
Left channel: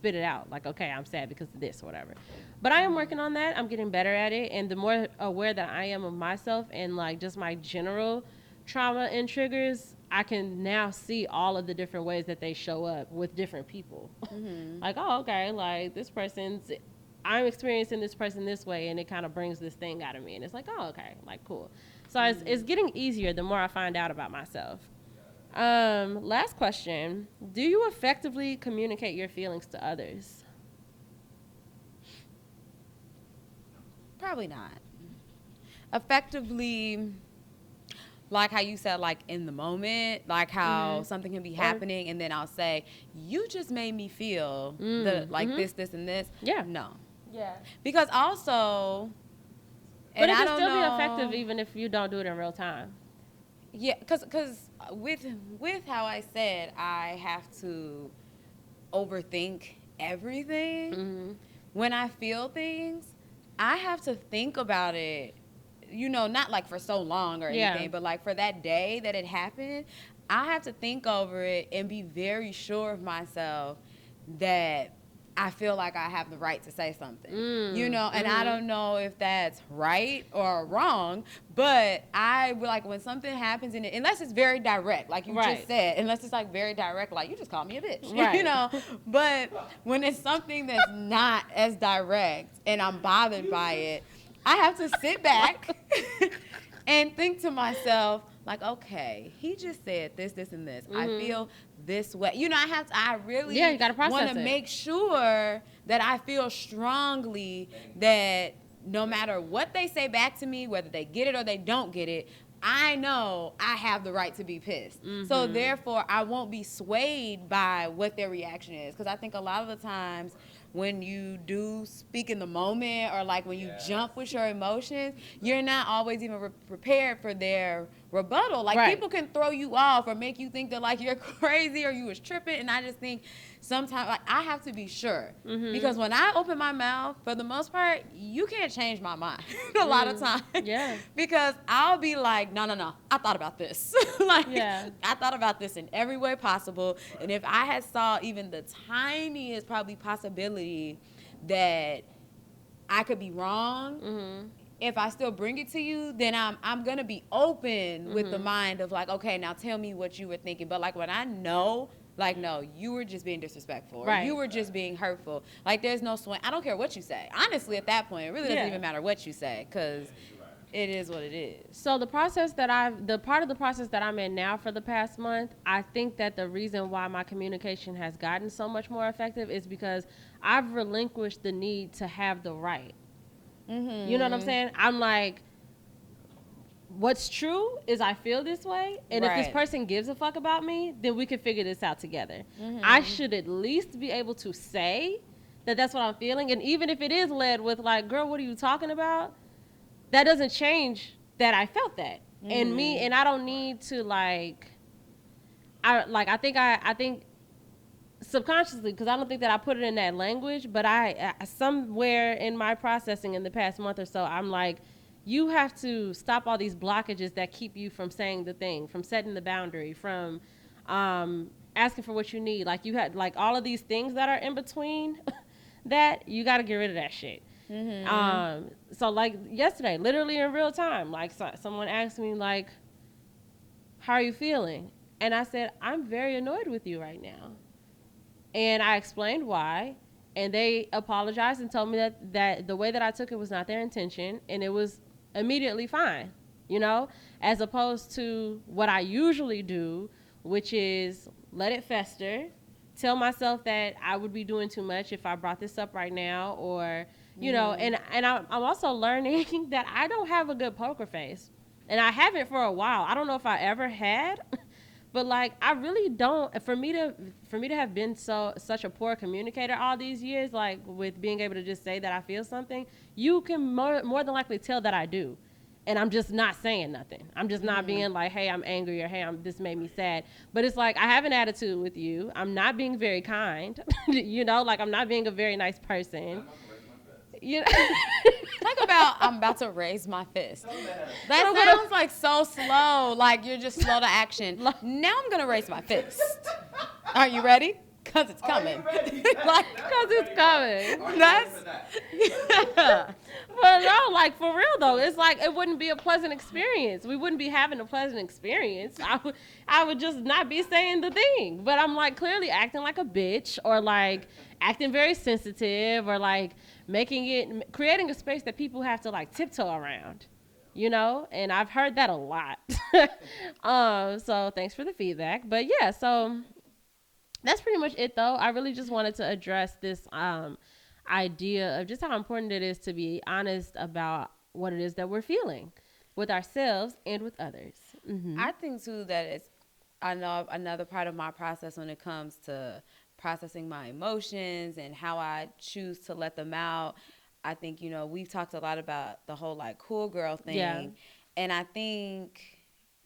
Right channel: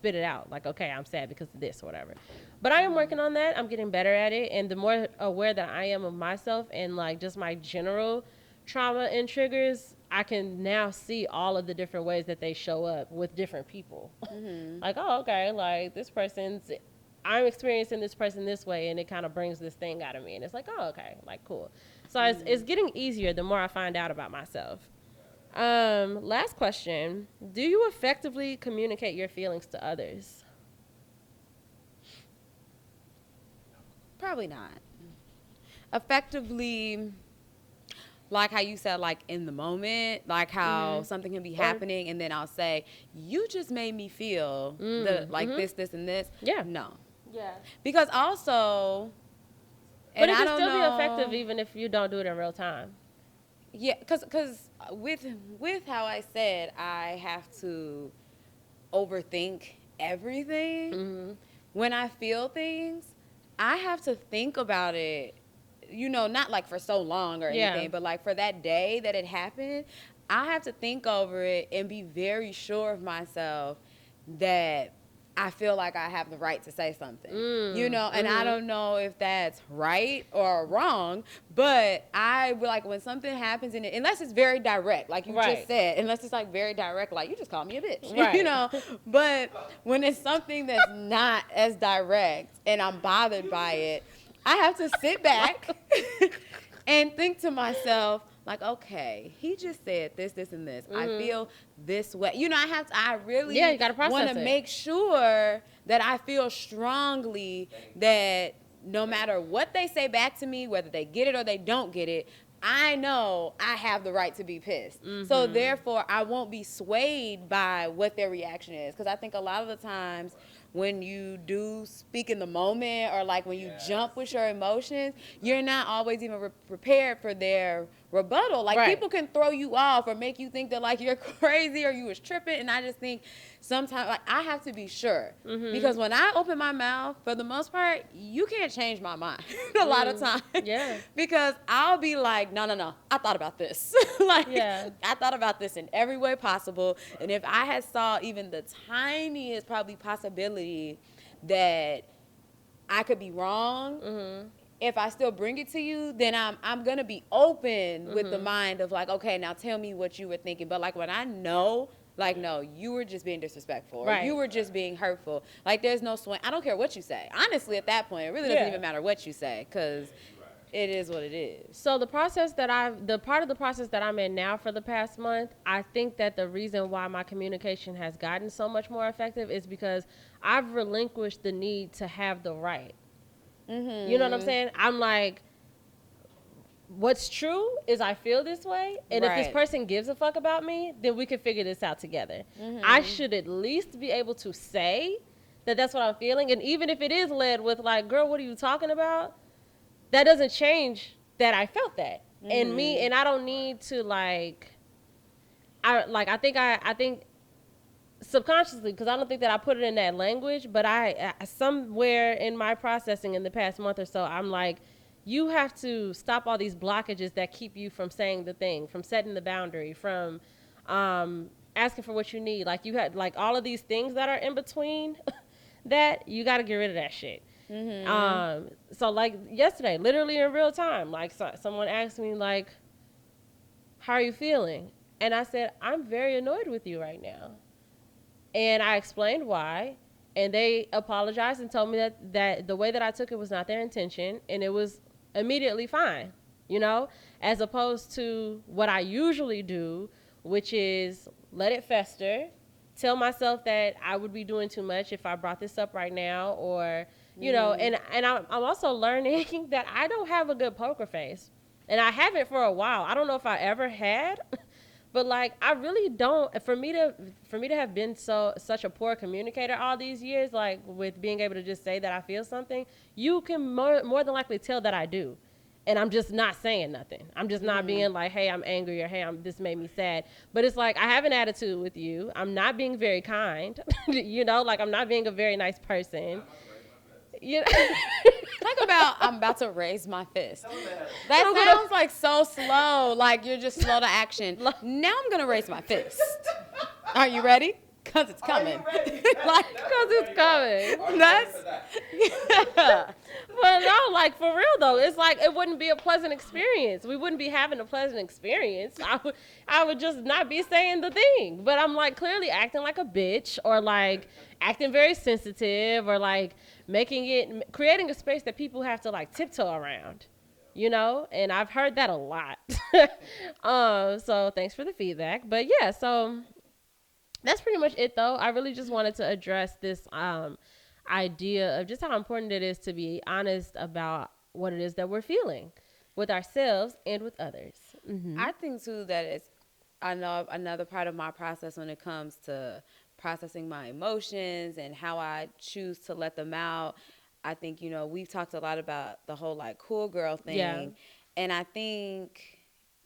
spit it out, like, okay, I'm sad because of this or whatever. But I am working on that. I'm getting better at it, and the more aware that I am of myself and like just my general trauma and triggers, I can now see all of the different ways that they show up with different people. Like, oh, okay, like this I'm experiencing this person this way, and it kind of brings this thing out of me, and it's like, oh, okay, like cool. So it's getting easier the more I find out about myself. Last question. Do you effectively communicate your feelings to others? Probably not. Effectively, like how you said, like in the moment, like how something can be happening, and then I'll say, "You just made me feel this, and this." Yeah. No, Yeah. because also, and I don't know. Be effective even if you don't do it in real time. Yeah, because with how I said, I have to overthink everything. When I feel things, I have to think about it, not like for so long or anything, but like for that day that it happened, I have to think over it and be very sure of myself that I feel like I have the right to say something, and I don't know if that's right or wrong, but I like when something happens in it, unless it's very direct, like you just said, unless it's like very direct, like you just called me a bitch, but when it's something that's not as direct and I'm bothered by it, I have to sit back and think to myself, like, okay, he just said this, this, and this. I feel this way. You know, I really Yeah, you gotta process want to it. make sure that I feel strongly that no matter what they say back to me, whether they get it or they don't get it, I know I have the right to be pissed. So therefore, I won't be swayed by what their reaction is. Because I think a lot of the times when you do speak in the moment or like when you jump with your emotions, you're not always even prepared for their rebuttal. Like people can throw you off or make you think that like you're crazy or you was tripping. And I just think sometimes like I have to be sure. Because when I open my mouth, for the most part, you can't change my mind a lot of times. Because I'll be like, no, I thought about this. I thought about this in every way possible. And if I had saw even the tiniest probably possibility that I could be wrong, if I still bring it to you, then I'm gonna be open with the mind of like, okay, now tell me what you were thinking. But like when I know, like, no, you were just being disrespectful or you were just being hurtful. Like there's no swing. I don't care what you say. Honestly, at that point, it really doesn't even matter what you say because it is what it is. So the part of the process that I'm in now for the past month, I think that the reason why my communication has gotten so much more effective is because I've relinquished the need to have the right. You know what I'm saying? I'm like, what's true is I feel this way, and if this person gives a fuck about me, then we can figure this out together. I should at least be able to say that that's what I'm feeling, and even if it is led with like, girl, what are you talking about? That doesn't change that I felt that. And I don't need to I think subconsciously, because I don't think that I put it in that language, but I somewhere in my processing in the past month or so, I'm like, you have to stop all these blockages that keep you from saying the thing, from setting the boundary, from asking for what you need. Like you had like all of these things that are in between that you got to get rid of that shit. So like yesterday, literally in real time, like someone asked me like, how are you feeling? And I said, I'm very annoyed with you right now. And I explained why, and they apologized and told me that the way that I took it was not their intention, and it was immediately fine, you know, as opposed to what I usually do, which is let it fester, tell myself that I would be doing too much if I brought this up right now, or, you know, and I'm also learning that I don't have a good poker face, and I haven't for a while. I don't know if I ever had, but like I really don't. For me to have been such a poor communicator all these years, like with being able to just say that I feel something, you can more than likely tell that I do. And I'm just not saying nothing. I'm just not being like, hey, I'm angry, or hey, this made me sad. But it's like, I have an attitude with you. I'm not being very kind. You know, like I'm not being a very nice person. You know? Talk about I'm about to raise my fist. That sounds like so slow, like you're just slow to action. Now I'm going to raise my fist. Are you ready? Because it's coming. Like, It's coming. that's, yeah. But no, like for real though, it's like it wouldn't be a pleasant experience. We wouldn't be having a pleasant experience. I would just not be saying the thing. But I'm like clearly acting like a bitch, or like acting very sensitive, or like creating a space that people have to like tiptoe around, you know? And I've heard that a lot. So thanks for the feedback. But yeah, so that's pretty much it though. I really just wanted to address this idea of just how important it is to be honest about what it is that we're feeling with ourselves and with others. I think too that it's, I know another part of my process when it comes to processing my emotions and how I choose to let them out. I think, you know, we've talked a lot about the whole like cool girl thing. And I think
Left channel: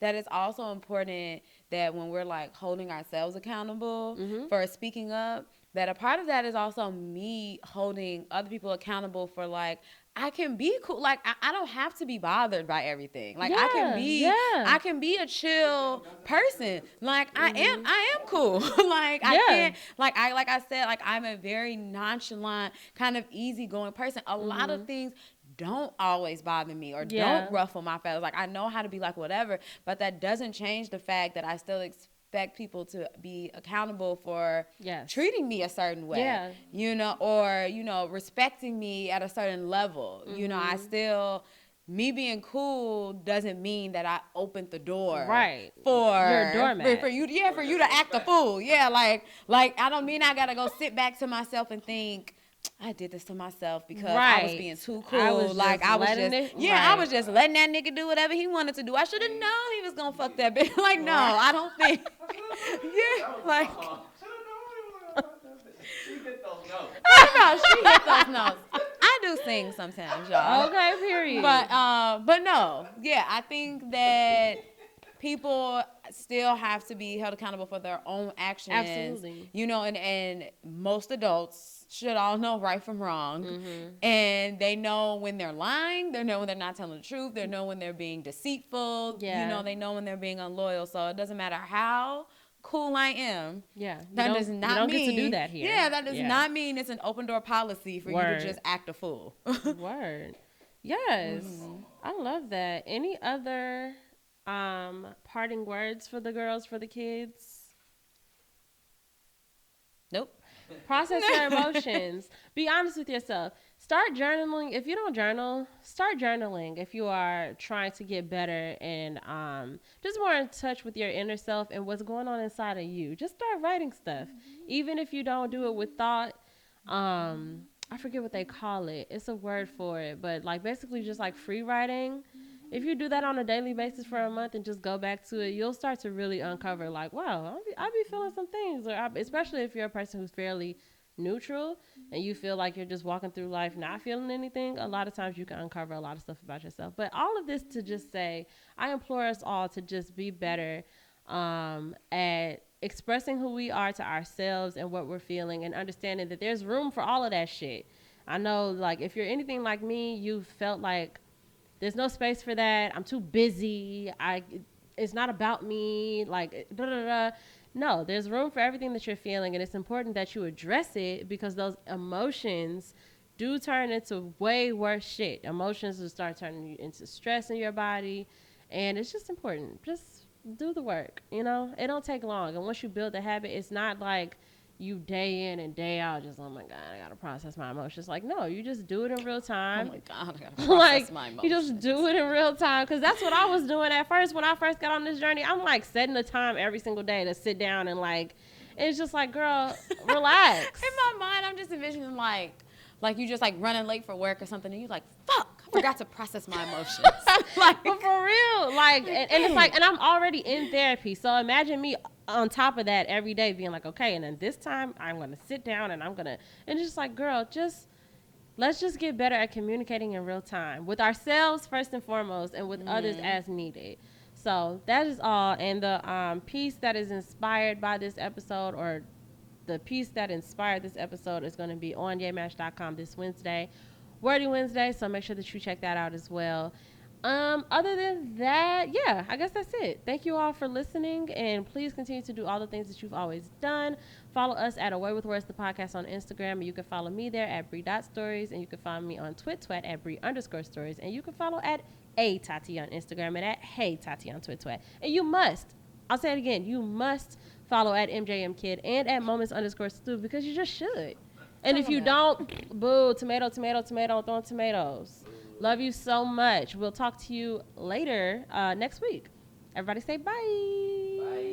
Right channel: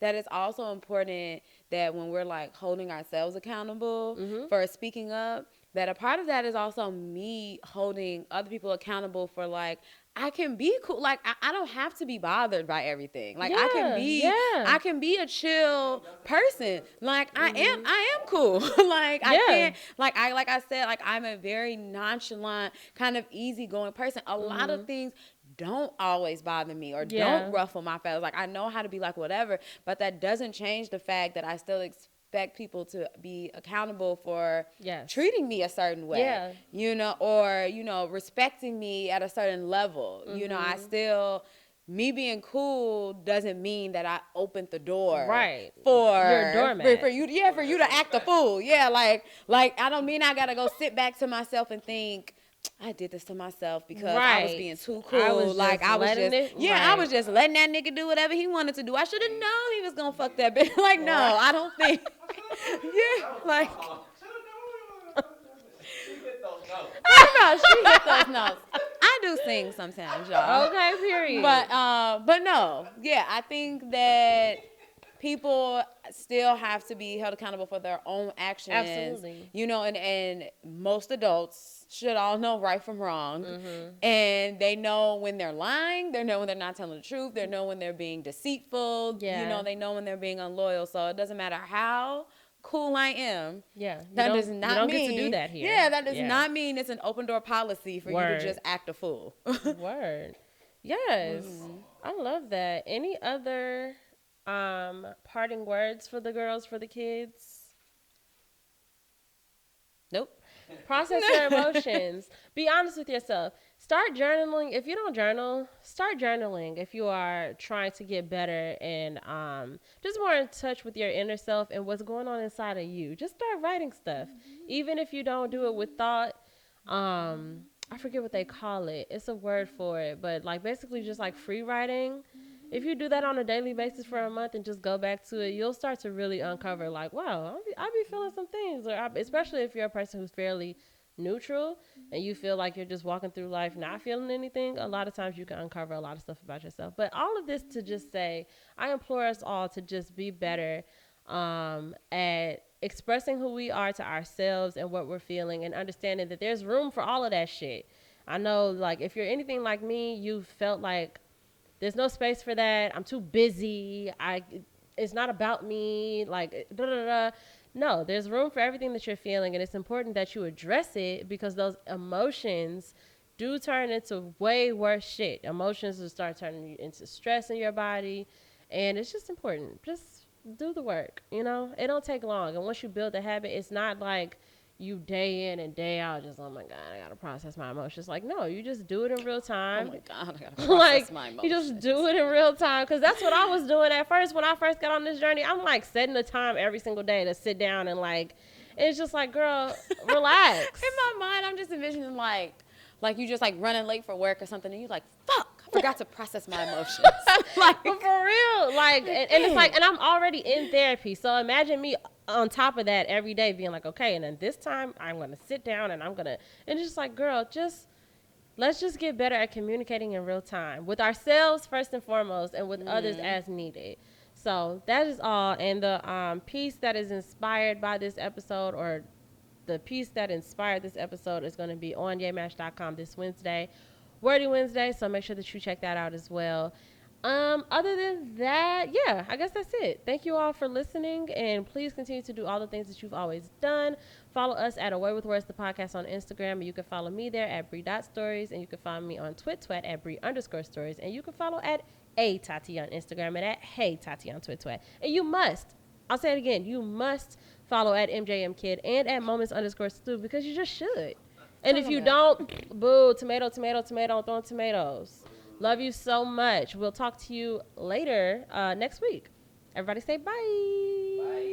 that it's also important that when we're like holding ourselves accountable for speaking up, that a part of that is also me holding other people accountable for like, I can be cool. Like I don't have to be bothered by everything. Like I can be a chill person. Like I am cool. Like I can't, like I said, like I'm a very nonchalant, kind of easygoing person. A lot of things don't always bother me or don't ruffle my feathers. Like I know how to be like whatever, but that doesn't change the fact that I still expect people to be accountable for treating me a certain way, you know, or, you know, respecting me at a certain level. You know, I still me being cool doesn't mean that I opened the door Right. for you to act a fool. Yeah, like I don't mean I gotta go sit back to myself and think I did this to myself because I was Right. being too cool. I was just letting that nigga do whatever he wanted to do. I should have known he was gonna fuck that bitch. Like, no, I don't think. Yeah, like. She hit those notes. What about she hit those notes? I do sing sometimes, y'all. Okay, period. But no, yeah, I think that people still have to be held accountable for their own actions. Absolutely. You know, and most adults should all know right from wrong. And they know when they're lying, they know when they're not telling the truth, they know when they're being deceitful, you know, they know when they're being unloyal. So it doesn't matter how cool I am. Yeah. That does not mean that does not mean it's an open door policy for you to Word. just act a fool. Word. Yes. I love that. Any other parting words for the girls, for the kids? Nope. Process your emotions. Be honest with yourself. Start journaling. If you don't journal, start journaling if you are trying to get better and just more in touch with your inner self and what's going on inside of you. Just start writing stuff. Even if you don't do it with thought, I forget what they call it. It's a word for it, but like basically just like free writing. If you do that on a daily basis for a month and just go back to it, you'll start to really uncover like, wow, I'll be feeling some things. Or especially if you're a person who's fairly neutral and you feel like you're just walking through life not feeling anything, a lot of times you can uncover a lot of stuff about yourself. But all of this to just say, I implore us all to just be better at expressing who we are to ourselves and what we're feeling and understanding that there's room for all of that shit. I know, like, if you're anything like me, you felt like there's no space for that. I'm too busy. It's not about me. Like, blah, blah, blah. No, there's room for everything that you're feeling, and it's important that you address it because those emotions do turn into way worse shit. Emotions will start turning you into stress in your body. And it's just important. Just do the work, you know? It don't take long. And once you build a habit, it's not like you day in and day out just, oh, my God, I got to process my emotions. Like, no, you just do it in real time. Oh, my God, I got to process my emotions. You just do it in real time. Because that's what I was doing at first. When I first got on this journey, I'm, like, setting the time every single day to sit down and, like, it's just like, girl, relax. In my mind, I'm just envisioning, like you just, like, running late for work or something, and you're like, fuck, I forgot to process my emotions. Like, for real. And I'm already in therapy. So imagine me on top of that every day being like, okay, and then this time I'm going to sit down and and it's just like, girl, let's just get better at communicating in real time with ourselves first and foremost and with others as needed. So that is all. And the piece that is inspired by this episode, or the piece that inspired this episode, is going to be on yamash.com this Wednesday, Wordy Wednesday, so make sure that you check that out as well. Other than that, yeah, I guess that's it. Thank you all for listening, and please continue to do all the things that you've always done. Follow us at Away with Words, the podcast on Instagram. You can follow me there at Bree.stories, and you can follow me on Twitter at Bree_stories, and you can follow at Tati on Instagram and at Hey Tati on Twitter. And you must, I'll say it again, you must follow at MJMKid and at Moments_Stew because you just should. And if you don't, boo, tomato, throwing tomatoes. Love you so much. We'll talk to you later next week. Everybody say bye. Bye.